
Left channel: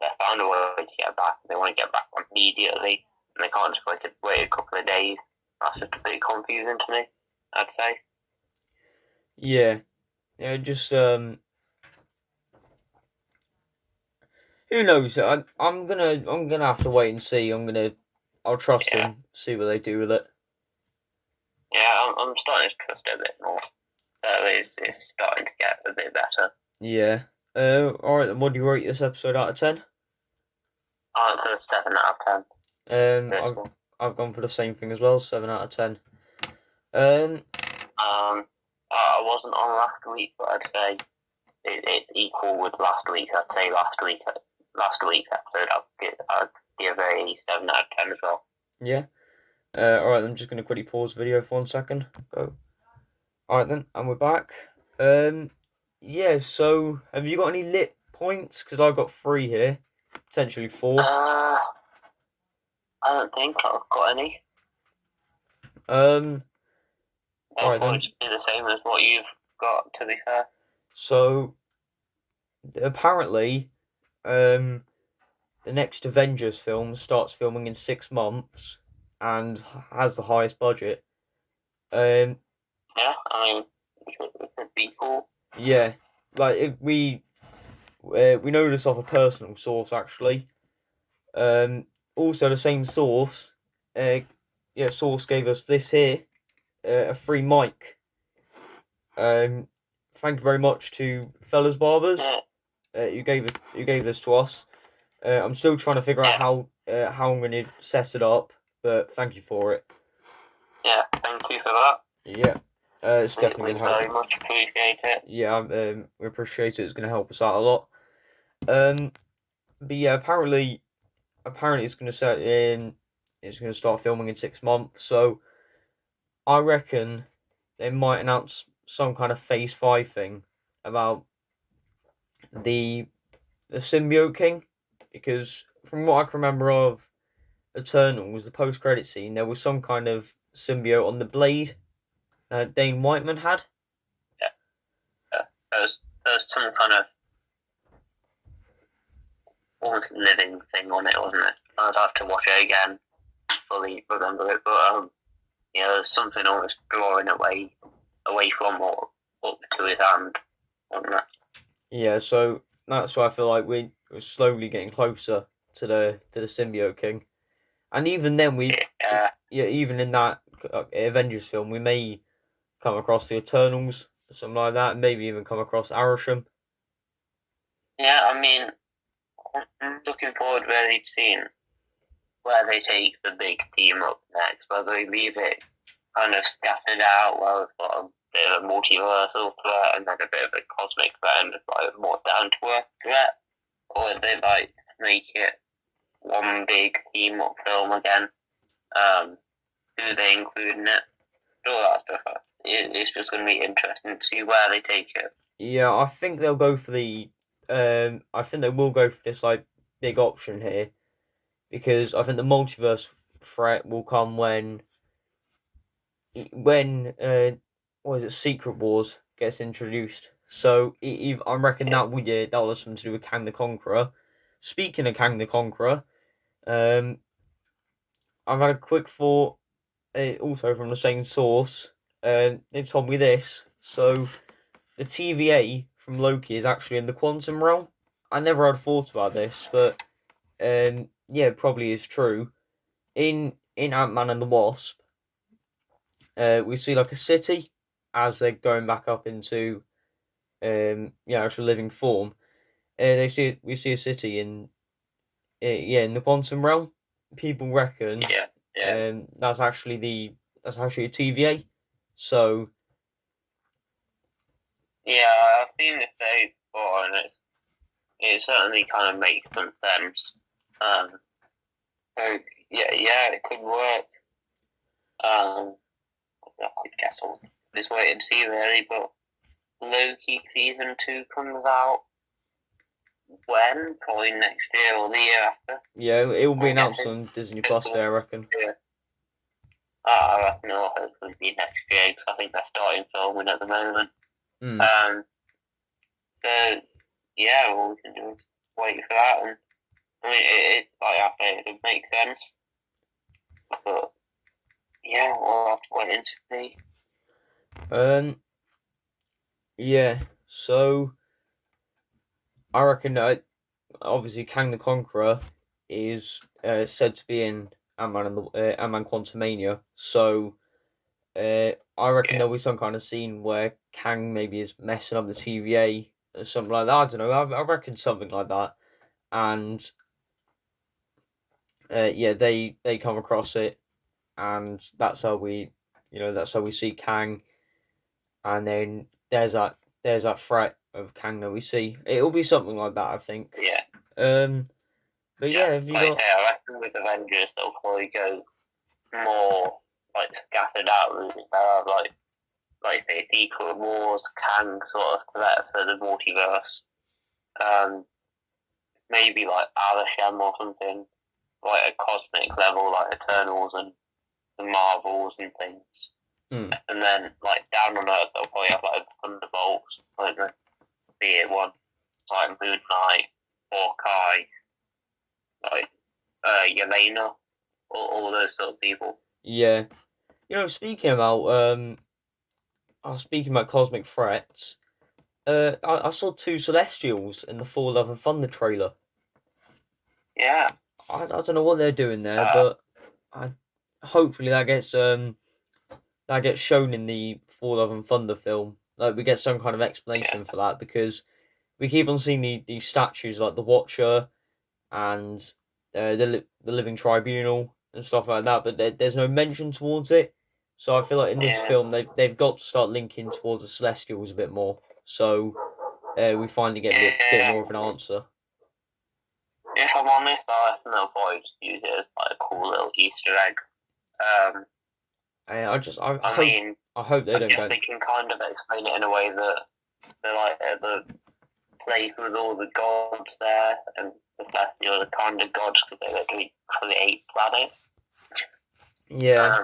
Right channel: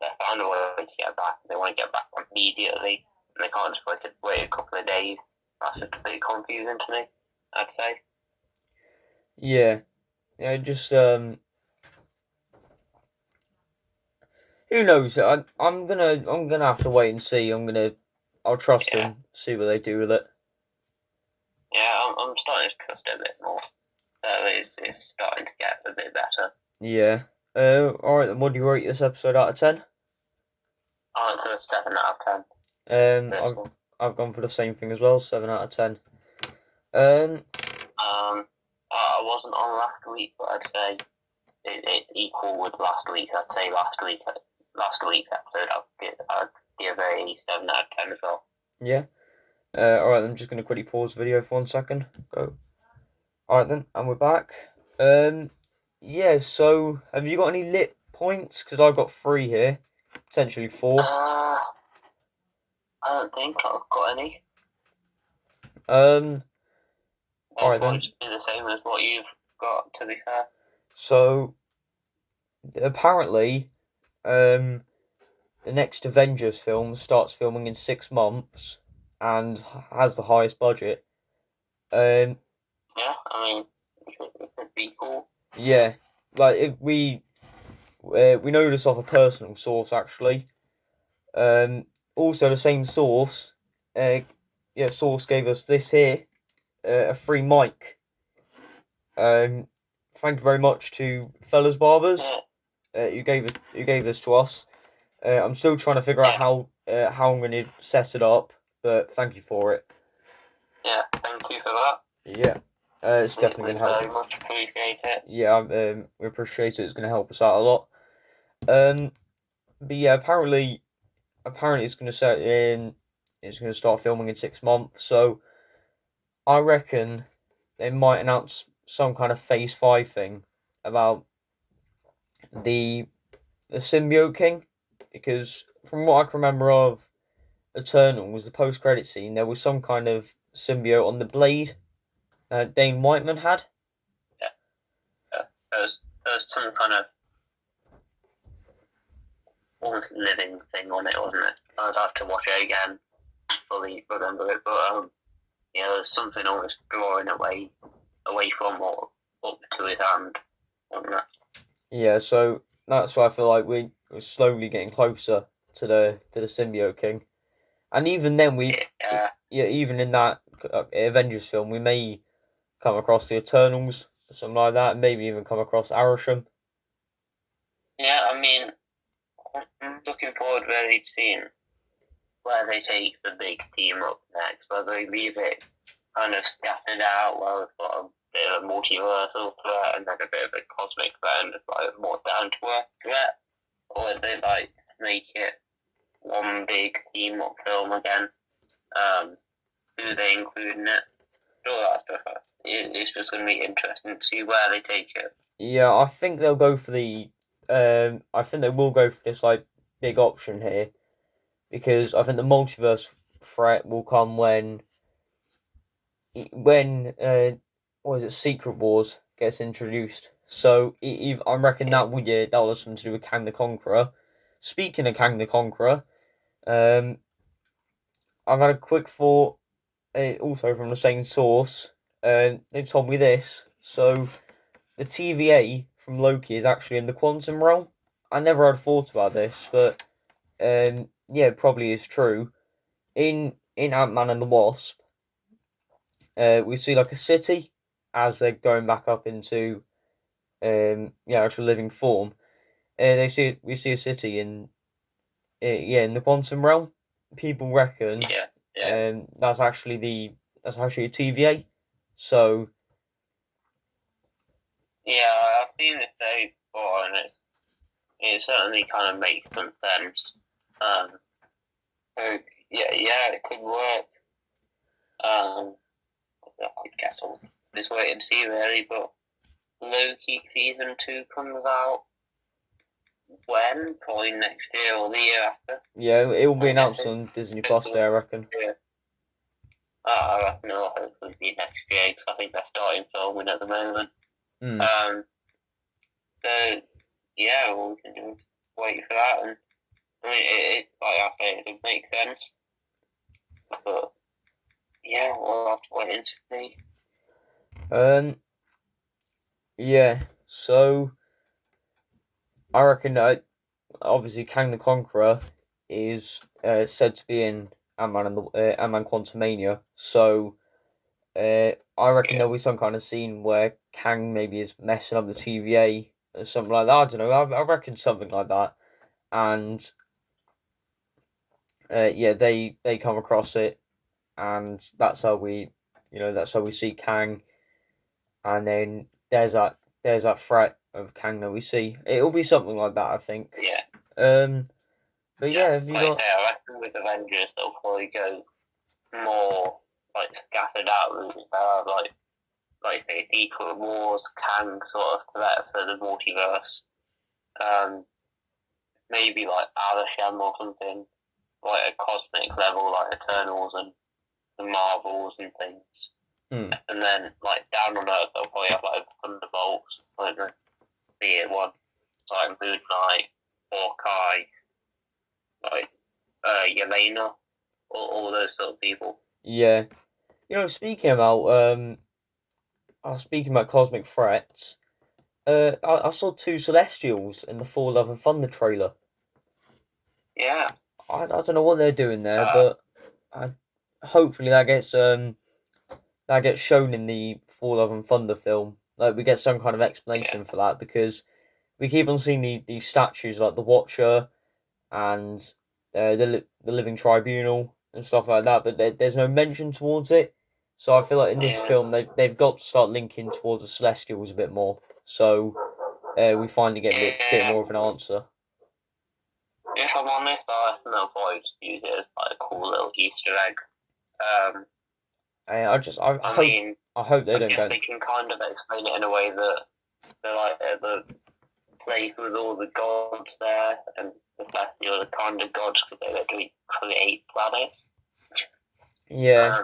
they found a way to get back. They want to get back immediately, and they can't just wait a couple of days. That's just a bit confusing to me, I'd say. Yeah, yeah, just who knows? I'm gonna have to wait and see. I'll trust Yeah, them, see what they do with it. yeah, I'm starting to trust it a bit more. So it's starting to get a bit better. Yeah. All right. Then, what do you rate this episode out of 10? I'm for 7 out of 10. Um, This I've one. I've gone for the same thing as well, 7 out of 10. Um, I wasn't on last week, but I'd say it's equal with last week. I'd say last week's episode I'd give a 7 out of 10 as well. yeah. All right. I'm just gonna quickly pause the video for 1 second. Go. All right then, and we're back. Yeah. So, have you got any lit points? Because I've got 3 here, potentially 4. I don't think I've got any. Um. All They'll right probably then. just be the same as what you've got, to be fair. So apparently, the next Avengers film starts filming in 6 months and has the highest budget. Um, Yeah, I mean, it could be cool. yeah, like if we know this off a personal source actually. Also the same source, source gave us this here, a free mic. Thank you very much to Fellas Barbers. Yeah. Who gave this to us. I'm still trying to figure out how I'm going to set it up, but thank you for it. Yeah, thank you for that. Yeah, it's definitely going to help. Very much appreciate it. Yeah, we appreciate it. It's going to help us out a lot. But yeah, apparently it's going to set in. It's going to start filming in 6 months. So I reckon they might announce some kind of Phase 5 thing about the symbiote king, because from what I can remember of Eternal was the post-credit scene, there was some kind of symbiote on the blade Dane Whiteman had. Yeah. There's some kind of almost living thing on it, wasn't it? I'd have to watch it again, fully remember it, but there's something almost drawing away from or up to his hand, wasn't it? Yeah, so that's why I feel like we're slowly getting closer to the symbiote king, and even then even in that Avengers film we may come across the Eternals, something like that, and maybe even come across Arishem. Yeah, I mean, I'm looking forward really to seeing where they take the big team up next, whether they leave it kind of scattered out, where we've got a bit of a multiversal threat and then a bit of a cosmic threat and like a more down to earth threat, or if they like make it one big team up film again. Who they include in it, all that stuff. It's just going to be interesting to see where they take it. Yeah, I think they'll go for the. I think they will go for this like big option here, because I think the multiverse threat will come when what is it, Secret Wars gets introduced. So I reckon that will have something to do with Kang the Conqueror. Speaking of Kang the Conqueror, I've had a quick thought, also from the same source. They told me this. So the TVA from Loki is actually in the quantum realm. I never had thought about this, but yeah, it probably is true. In Ant-Man and the Wasp, we see like a city as they're going back up into actual living form. We see a city in the quantum realm. People reckon that's actually a TVA. So yeah, I've seen this day before, and it certainly kind of makes some sense. So yeah, it could work. I guess I'll just wait and see really, but Loki season 2 comes out when? Probably next year or the year after. yeah, it will be announced on Disney Plus Day, I reckon. Yeah. I reckon it'll hopefully be next year, because I think they're starting filming at the moment. So yeah, well, we can just wait for that, and I mean, it like I say, it would make sense, but yeah, we'll have to wait and see. Yeah, so I reckon that obviously Kang the Conqueror is said to be in Ant-Man and the Ant-Man Quantumania, so I reckon Yeah. there'll be some kind of scene where Kang maybe is messing up the TVA or something like that. I don't know. I reckon something like that, and yeah, they come across it, and that's how we see Kang, and then there's that threat of Kang that we see. It'll be something like that, I think. Yeah. Um, but Yeah. yeah, have you Like I got? say, I reckon with Avengers they'll probably go more like scattered out. They'll have like say Secret Wars, Kang sort of threat for the multiverse. Maybe like Alashem or something, like a cosmic level, like Eternals and the Marvels and things. Hmm. And then like down on Earth, they'll probably have like Thunderbolts, like the it one, like Moon Knight, Hawkeye, like Yelena, all those sort of people. Yeah, speaking about cosmic threats. I saw two Celestials in the Thor: Love and Thunder trailer. Yeah. I don't know what they're doing there, Uh, but I hopefully that gets shown in the Thor: Love and Thunder film. Like we get some kind of yeah. explanation for that because we keep on seeing these statues like the Watcher and the Living Tribunal and stuff like that, but there's no mention towards it. So I feel like in this Yeah. film they've got to start linking towards the Celestials a bit more. So we finally get a bit Yeah. more of an answer. If I'm honest, I reckon they'll probably just use it as like a cool little Easter egg. Um, I mean, I hope they I don't guess go. they can kind of explain it in a way that they're like at the place with all the gods there, and the kind of gods because they literally create planets Yeah,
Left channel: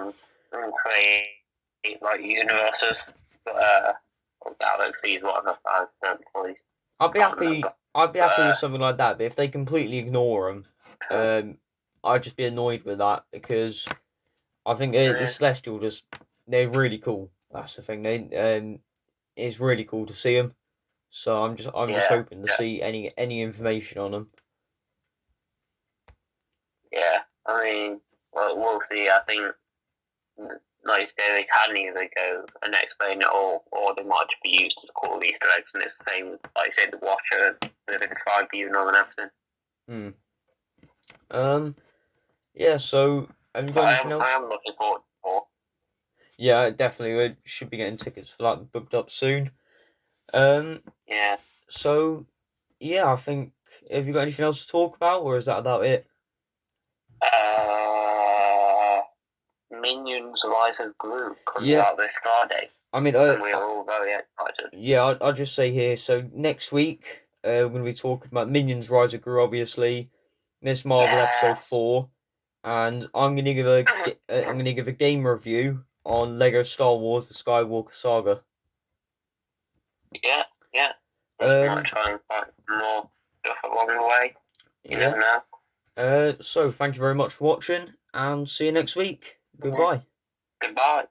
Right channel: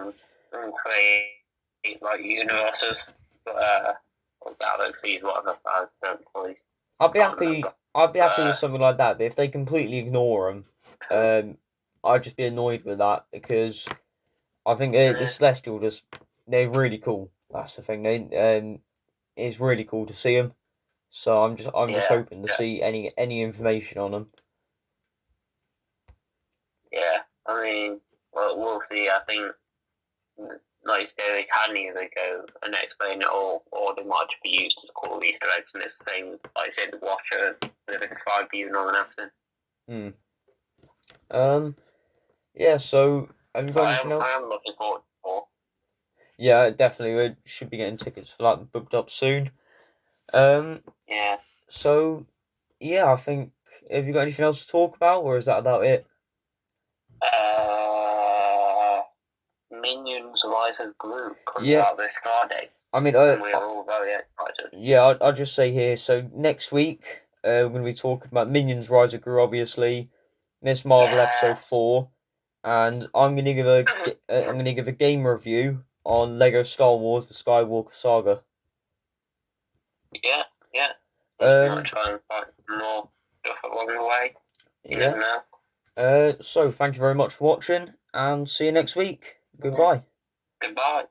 and create like universes, but or galaxies, whatever. I don't fully I'd be can't happy. remember. I'd be But happy with something like that. But if they completely ignore them, I'd just be annoyed with that because I think the Celestial they're really cool. That's the thing. It's really cool to see them. So I'm just yeah, hoping to see any information on them. yeah. I mean, well, we'll see. I think, like you say, they can either go and explain it all, or they might just be used as cool Easter eggs. And it's the same with, like I say, the Watcher, the Tribune, and everything. Hmm. Um. Yeah. So have you But got anything I else? am looking forward to more. Yeah, definitely. We should be getting tickets for that booked up soon. Um. Yeah. So yeah, I think. Have you got anything else to talk about, or is that about it? Uh, Minions Rise of Gru comes Yeah. out this Friday, I mean, and we are all very excited. yeah, I'll just say here. So next week, we're going to be talking about Minions: Rise of Gru, obviously, Miss Marvel episode Yes. 4, and I'm going to give a game review on Lego Star Wars: The Skywalker Saga. Yeah, yeah. We might Um, try and find more stuff along the way. You yeah. never know. So thank you very much for watching, and see you next week. Mhm. Goodbye. Goodbye.